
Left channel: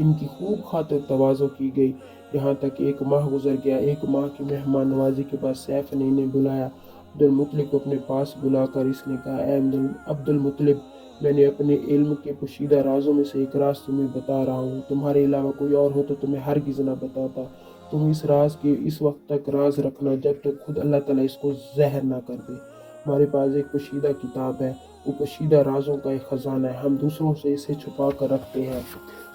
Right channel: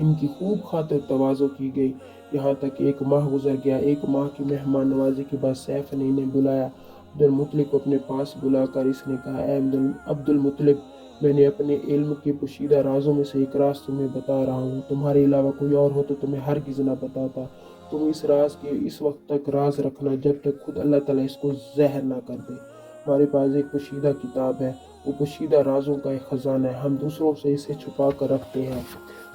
इनकी खूब खातिर तवाज़ो की गई, यहाँ तक कि एक माह गुजर गया। एक माह की मेहमान नवाजी के बाद सैफ ने इन्हें बुलाया। अब्दुल मुत्तलिब को अपने पास बुलाकर इसने कहा, ऐ अब्दुल मुत्तलिब, मैंने अपने इल्म के पोशीदा राजों में से एक राज तुम्हें बता रहा हूँ। तुम्हारे अलावा कोई और हो तो तुम्हें हरगिज़ न बताता। तुम इस राज के इस वक्त तक राज रखना जब तक खुद अल्लाह ताला इसको जहर ना कर दे। हमारे पास एक पोशीदा किताब है, वो पोशीदा राजों का एक ख़जाना है, हम दूसरों से इसे छुपा कर रखते हैं।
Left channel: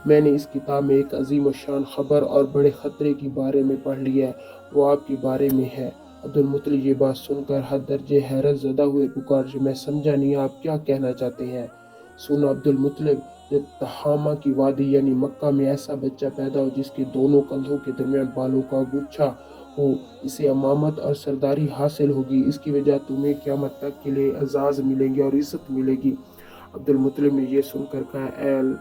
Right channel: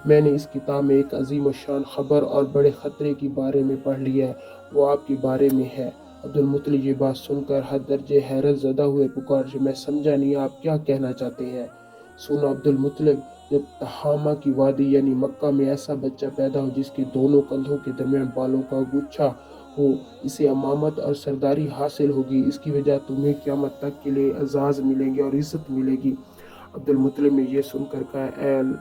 मैंने इस किताब में एक अजीम शान खबर और बड़े ख़तरे के बारे में पढ़ लिया है, वो आपके बारे में है। अब्दुल मुत्तलिब ये बात सुनकर हद दर्जे हैरत ज़दा हुए, पुकार, मैं समझा नहीं, आप क्या कहना चाहते हैं? सुना अब्दुल मुत्तलिब, जब तहामा की वादी यानी मक्का में ऐसा बच्चा पैदा हो जिसके दोनों कंधों के दरमियान बालों का गुच्छा हो, इसे अमामत और सरदारी हासिल होगी। इसकी वजह तुम्हें क़यामत तक के लिए एजाज़ मिलेंगे और इज़्ज़त मिलेगी। अब्दुल मुत्तलिब ने यह सुनकर कहा,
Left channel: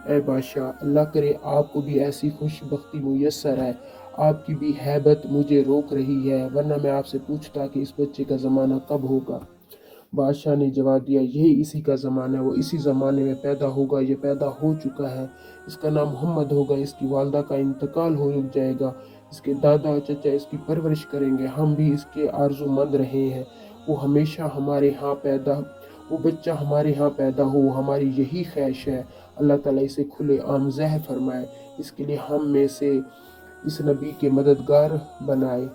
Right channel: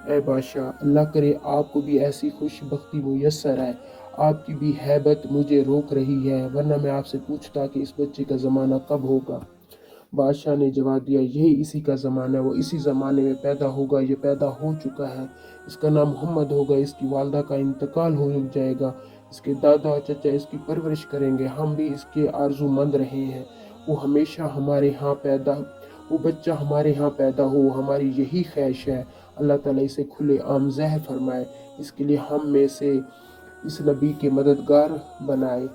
ए बादशाह, अल्लाह करे आपको भी ऐसी खुशबख्ती मुयस्सर है। आपकी भी हैबत मुझे रोक रही है, वरना मैं आपसे पूछता कि इस बच्चे का ज़माना कब होगा। बादशाह ने जवाब दिया, यही इसी का ज़माना है, वो इसी ज़माने में पैदा होगा, ये पैदा हो चुका है। इसका नाम मोहम्मद होगा, इसकी वालदा का इंतकाल हो जाएगा, इसके दादा और चचा इसकी परवरिश करेंगे, हम भी इसके आरज़ूमंद रहे हैं। वो हमेशा हमारे यहाँ पैदा वो बच्चा हमारे यहाँ पैदा हो, हमारी यही ख्वाहिश है। अल्लाह ताला इसे खुले आम ज़हर फरमाए, इसके लिए हम में से इस नबी के मददगार बनाए।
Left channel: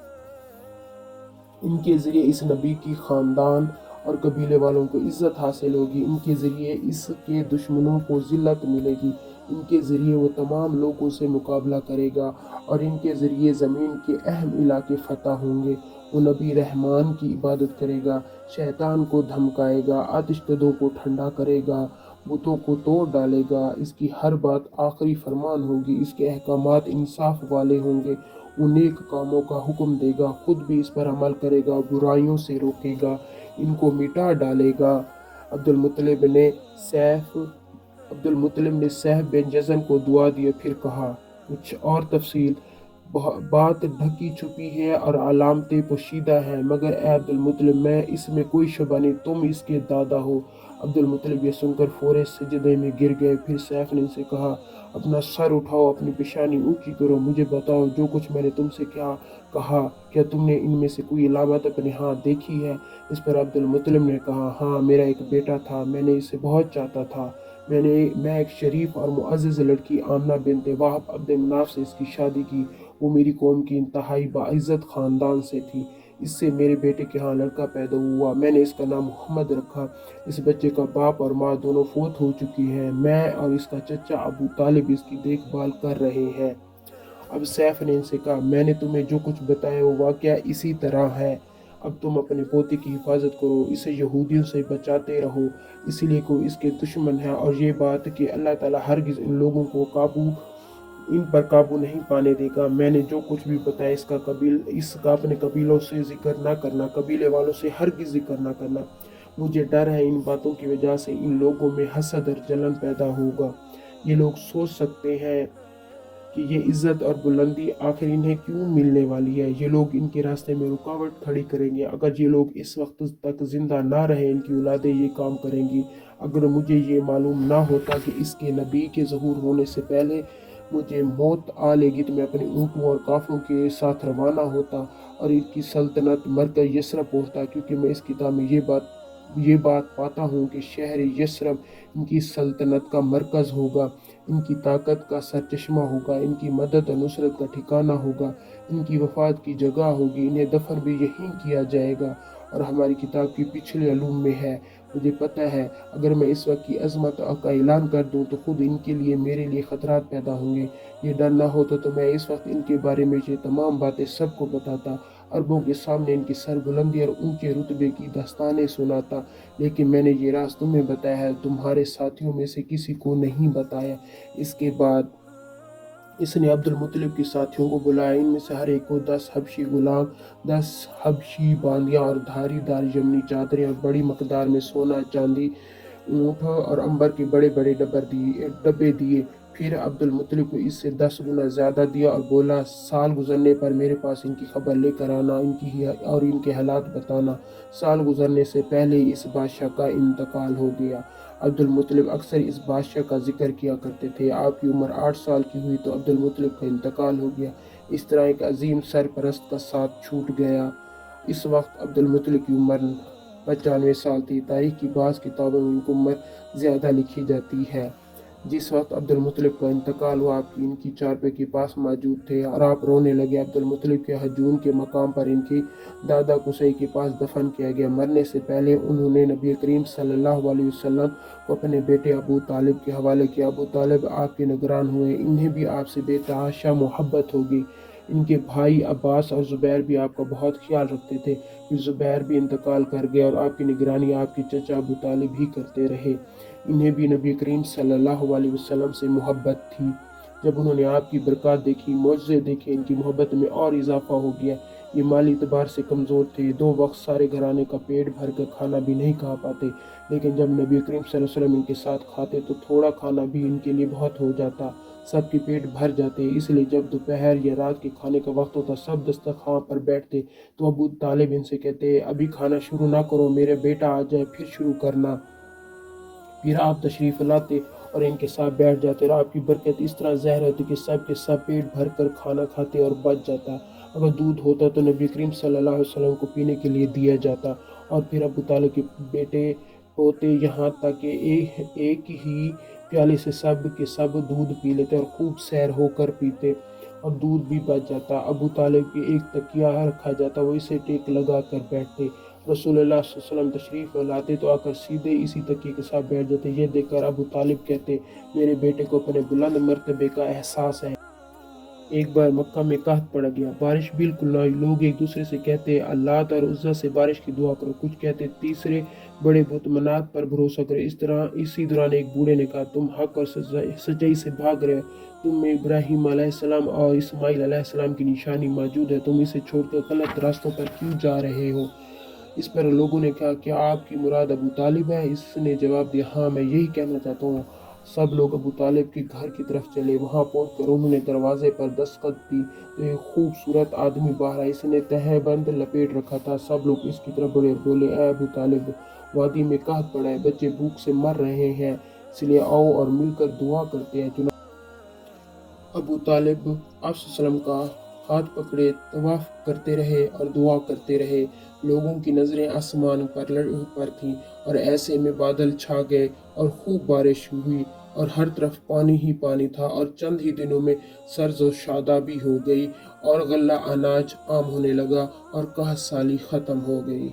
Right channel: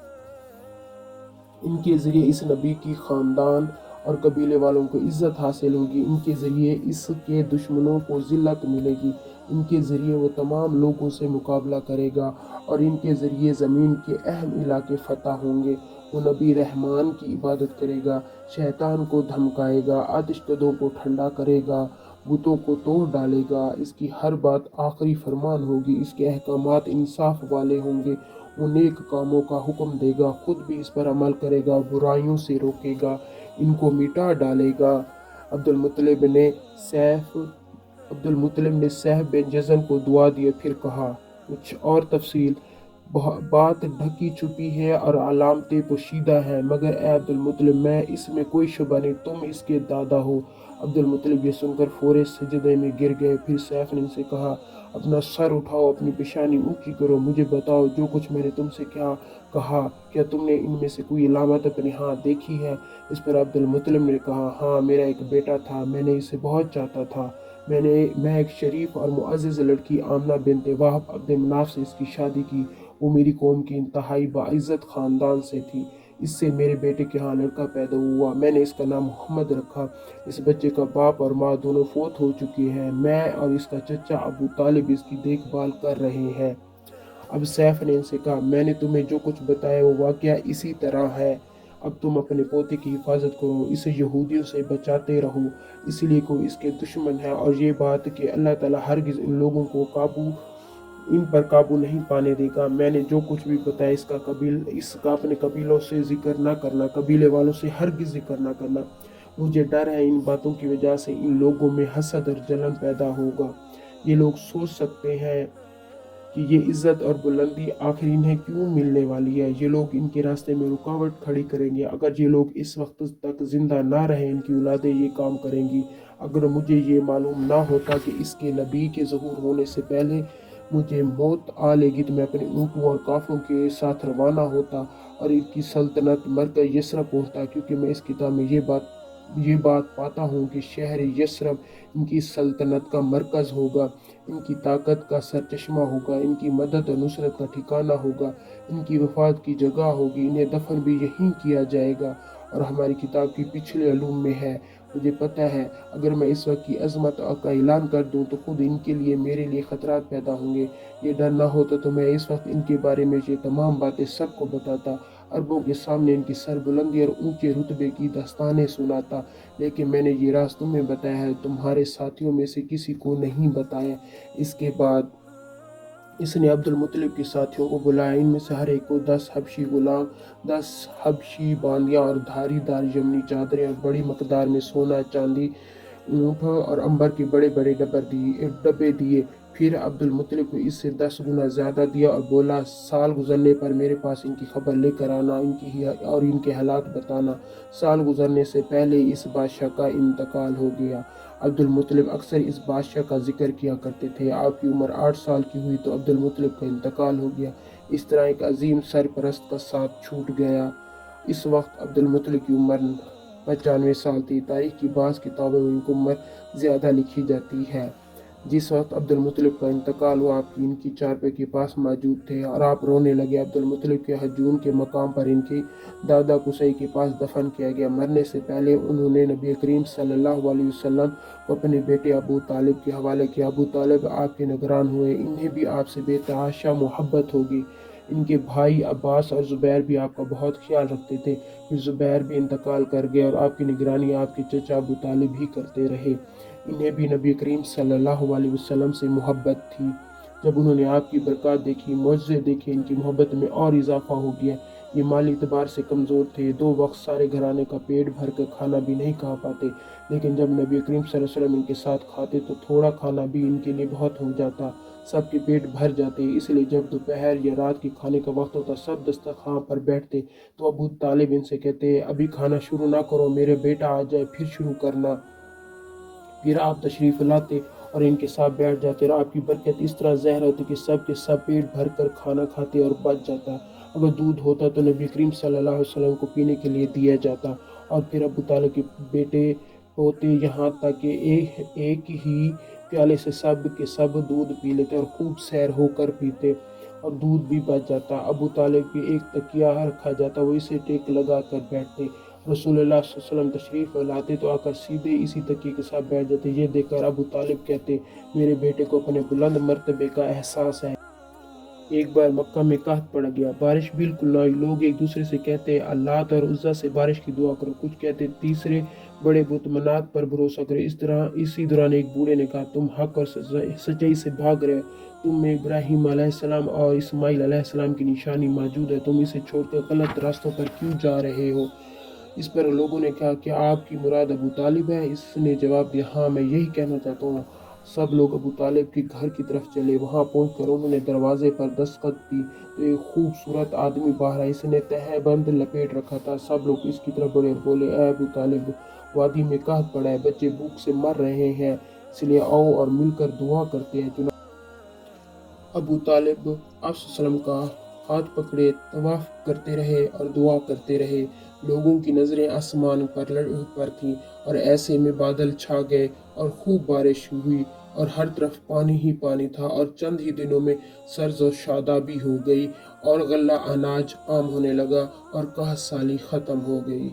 इनके ज़रिए इस नबी की ख़ानदान और कबीले वालों को इज़्ज़त हासिल होगी, इनके ज़रिए इसके दुश्मनों को ज़िल्लत मिलेगी, इनके ज़रिए वो तमाम लोगों से मुकाबला करेगा और इनके ज़रिए ज़मीन के अहम इलाके फ़तह होंगे। वो नबी रहमान की इबादत करेगा, शैतान को धमकाएगा, आतिशकदों को ठंडा करेगा, बुतों को तोड़ डालेगा। इसकी हर बात आखिरी फरमान होगी, इसके अहकामात इंसाफ वाले होंगे। वो नेक कामों का हुक्म देगा, खुद भी इस पर अमल करेगा, बुराइयों से रोकेगा, इनको मिटा डालेगा। अब्दुल मुत्तलिब ने सैफ बिन जज़न को दुआ दी, फिर कहा, कुछ और तफसील बात ढकी छुपी है और अलामतें पोशीदा है, मगर ए अब्दुल मुत्तलिब, मैं इसमें कोई शुबा नहीं, तुम इसके दादा हो। अब्दुल मुत्तलिब ये सुनकर फौरे सजदे में गिर गए। फिर सैफ ने इनसे कहा, अपना सर उठाओ, अपनी पेशानी ऊंची करो, मुझे बताओ जो कुछ मैंने तुमसे क्या कहा, क्या तुमने इनमें से कोई अलामत अपने हाथ देखी है? इस पर अब्दुल मुत्तलिब ने कहा, हाँ, मेरा एक बेटा था, मैंने इसे बहुत चाहता था। मैं एक शरीफ और मुअज़्ज़ज़ लड़की आमना बिन्त वहब अब्द मनाफ से इसकी शादी की। वो मेरी कौम की इंतहाई बाइज़्ज़त ख़ानदान से थी। इससे मेरे बेटे के यहाँ लड़का पैदा हुआ, मैंने इसका नाम मोहम्मद रखा। इस बच्चे का बाप और माँ दोनों फौत हो चुके हैं, मैं और इसका चचा अबू तालिब इसकी देखभाल कर रहे हैं। अब सैफ ने इनसे कहा, मैंने तुम्हें जो कुछ बताया वो वाक़या इसी तरह है। अब तुम अपने पोते की हिफाजत करो, इसे यहूदियों से बचाते रहो, इसलिए कोई इसके दुश्मन है। और ये बात कि अल्लाह ताला हरगिज़ इन लोगों को इन पर काबू नहीं पाने देगा। मैंने जो कुछ भी बताया इसका अपने कबीलों से जिक्र ना करना, कबीले वालों से हरगिज़ जिक्र ना करना। मुझे डर है इन बातों की वजह से इन लोगों में हसद और जलन पैदा होगा। ये लोग सोच सकते हैं कि ये इज़्ज़त और बुलंदी आखिर इन्हें क्यों मिलने वाली है। ये लोग इनके रास्ते में रुकावट खड़ी करेंगे। अगर ये लोग इस वक्त तक ज़िंदा ना रहें, इनकी औलादें ये काम करेंगी। अगर मुझे ये मालूम ना होता कि इसके नबी के ज़हूर होने से पहले مجھے موت آ لے گی تو میں اپنے اونٹوں اور قافلوں کے ساتھ روانہ ہوتا اور ان کی سلطنت مرکز یثرب پہنچتا، کیونکہ میں اس کتاب میں یہ بات پاتا ہوں کہ شہر یثرب ان کی سلطنت کا مرکز ہوگا، ان کی طاقت کا سرچشمہ ہوگا، ان کی مدد اور نصرت کا ٹھکانہ ہوگا، ان کی وفات کی جگہ ہوگی، انہیں دفن بھی یہیں کیا جائے گا۔ اور ہماری کتاب کی پچھلے علوم میں ہے، مجھے پتہ ہے اگر میں اس وقت کی عظمت کا اعلان کر دوں تو خود ان کے لیے میرے لیے خطرات پیدا ہوں گے۔ یہ ڈر نہ ہوتا تو میں اس وقت ان کے بارے میں یہ تمام باتیں سب کو بتاتا، عربوں کے سامنے ان کی سربلندی اور اونچے رتبے کی داستانیں سناتا، لیکن میں نے یہ راز تمہیں بتایا ہے، تمہارے ساتھیوں میں سے کسی کو نہیں بتایا۔ اس کے بعد اس نے عبد المطلب کے ساتھیوں کو بلایا، ان میں سے ہر ایک کو 10 حبشی غلام، 10 حبشی باندیاں اور دھاری دار یمنی چادریں اور بڑی مقدار میں سونا چاندی، اونٹ اور عنبر کے بڑے بڑے ڈبے دیے۔ پھر عبد المطلب کو اس سے 10 گنا زیادہ دیا اور بولا، سال گزرنے پر میرے پاس ان کی خبر لے کر آنا اور ان کے حالات بتانا۔ سال گزرنے سے پہلے اس بادشاہ کا انتقال ہو گیا۔ عبد المطلب اکثر اس بادشاہ کا ذکر کیا کرتے تھے۔ آپ کی عمر 8 سال کی ہوئی تو عبد المطلب کا انتقال ہو گیا۔ اس طرح ایک عظیم سرپرست کا ساتھ چھوٹ گیا۔ اس وقت عبد المطلب کی عمر 95 سال تھی۔ تاریخ کی بعض کتابوں میں ان کی عمر زیادہ لکھی جاتی ہے۔ جس وقت عبد المطلب کا انتقال ہوا، آپ ان کی چارپائی کے پاس موجود تھے اور آپ رونے لگے۔ عبد المطلب کے ہجون کے مقام پر ان کے دادا قصی کے پاس دفن کیا گیا۔ مرنے سے پہلے انہوں نے نبی کریم صلی اللہ علیہ وسلم کو اپنے بیٹے ابو طالب کے حوالے کیا۔ ابو طالب آپ کے نگران ہوئے، انہیں بھی آپ سے بے تحاشا محبت ہوگی۔ ان کے بھائی عباس اور زبیر بھی آپ کا بہت خیال رکھتے تھے۔ پھر زبیر بھی انتقال کر گیا اور آپ کی نگرانی آپ کے چچا ابو طالب ہی کرتے رہے۔ انہیں بھی نبی کریم صلی اللہ علیہ وسلم سے محبت تھی۔ جب انہوں نے آپ کی برکات دیکھی، معجزے دیکھے، ان کی محبت میں اور اضافہ ہو گیا۔ یہ مالی اعتبار سے کمزور تھے، 2 وقت سارے گھرانے کا پیٹ بھر کر کھانا بھی نہیں کھا پاتے، لیکن جب نبی کریم صلی اللہ علیہ وسلم ان کے ساتھ کھاتے تو تھوڑا کھانا بھی ان کے لیے بہت ہو جاتا، سب کے پیٹ بھر جاتے۔ اس لیے جب دوپہر یا رات کے کھانے کا وقت ہوتا، سب دسترخوان پر بیٹھتے تو ابو طالب ان سے کہتے، ابھی کھانا شروع نہ کرو، میرے بیٹا آ جائے پھر شروع کرنا۔ پھر آپ تشریف لاتے اور ان کے ساتھ بیٹھ جاتے اور آپ کی برکت اس طرح ظاہر ہوتی کہ سب کے سب پیٹ بھر کر کھانا کھاتے اور بچ جاتا۔ اگر دودھ ہوتا تو نبی کریم صلی اللہ علیہ وسلم کو پینے کے لیے دیا جاتا، اور پھر ابو طالب کے بیٹے پوتے یہاں تک کہ ایک ہی پیالے سے سب کے سب دودھ پی لیتے اور خوب سیر ہو کر پیتے اور دودھ بھی بچ جاتا۔ ابو طالب کے ایک تکیہ رکھا جاتا، وہ اسے ٹیک لگا کر بیٹھتے۔ رسول اللہ صلی اللہ علیہ وسلم تشریف لاتے تو آ کر سیدھے اسی تکیے کے ساتھ بیٹھ جاتے۔ یہ دیکھ کر ابو طالب کہتے، میرے بیٹے کو اپنے بلند مرتبے کا احساس ہے۔ ایک بار مکہ میں قحط پڑ گیا، بارش بالکل نہ ہوئی۔ لوگ ایک دوسرے سے کہتے، اللات اور عزا سے بارش کی دعا کرو، کچھ کہتے تیسرے بڑے بت منات پر بھروسہ کرو۔ اسی دوران ایک بوڑھے نے کہا، تم حق اور سچائی سے بھاگ رہے ہو، تم میں ابراہیم علیہ السلام اور اسماعیل علیہ السلام کی نشانی موجود ہے، تم اسے چھوڑ کر غلط راستوں پر کیوں جا رہے ہو؟ اس پر لوگوں نے کہا کہ آپ کی مراد ابو طالب ہے؟ اس نے جواب دیا، ہاں میں یہی کہنا چاہتا ہوں۔ سب لوگ ابو طالب کے گھر کی طرف چلے۔ وہاں پہنچ کر انہوں نے دروازے پر دستخط کی تو ایک خوبصورت آدمی باہر آیا، اس نے تہہ بند لپیٹ رکھا تھا۔ سب لوگ اس کی طرف بولے، اے ابو طالب، وادی میں قحط پڑا ہے، بچے بھوک سے مر رہے ہیں، اس لیے آؤ اور مل کر دعا کرتے ہیں۔ ابو طالب آپ صلی اللہ علیہ وسلم کا ہاتھ پکڑے طواف کرتے رہے اور دعا کرتے رہے۔ لوگوں کی نظریں آسمان پر تھیں اور ایسے میں بادل چھا گئے اور خوب بارش ہوئی اور ہر طرف پانی ہی پانی تھا، اور چند ہی دنوں میں سرز و شادابی ہو گئی اور غلہ اناج عام ہونے لگا اور قحط سالی ختم ہو گئی۔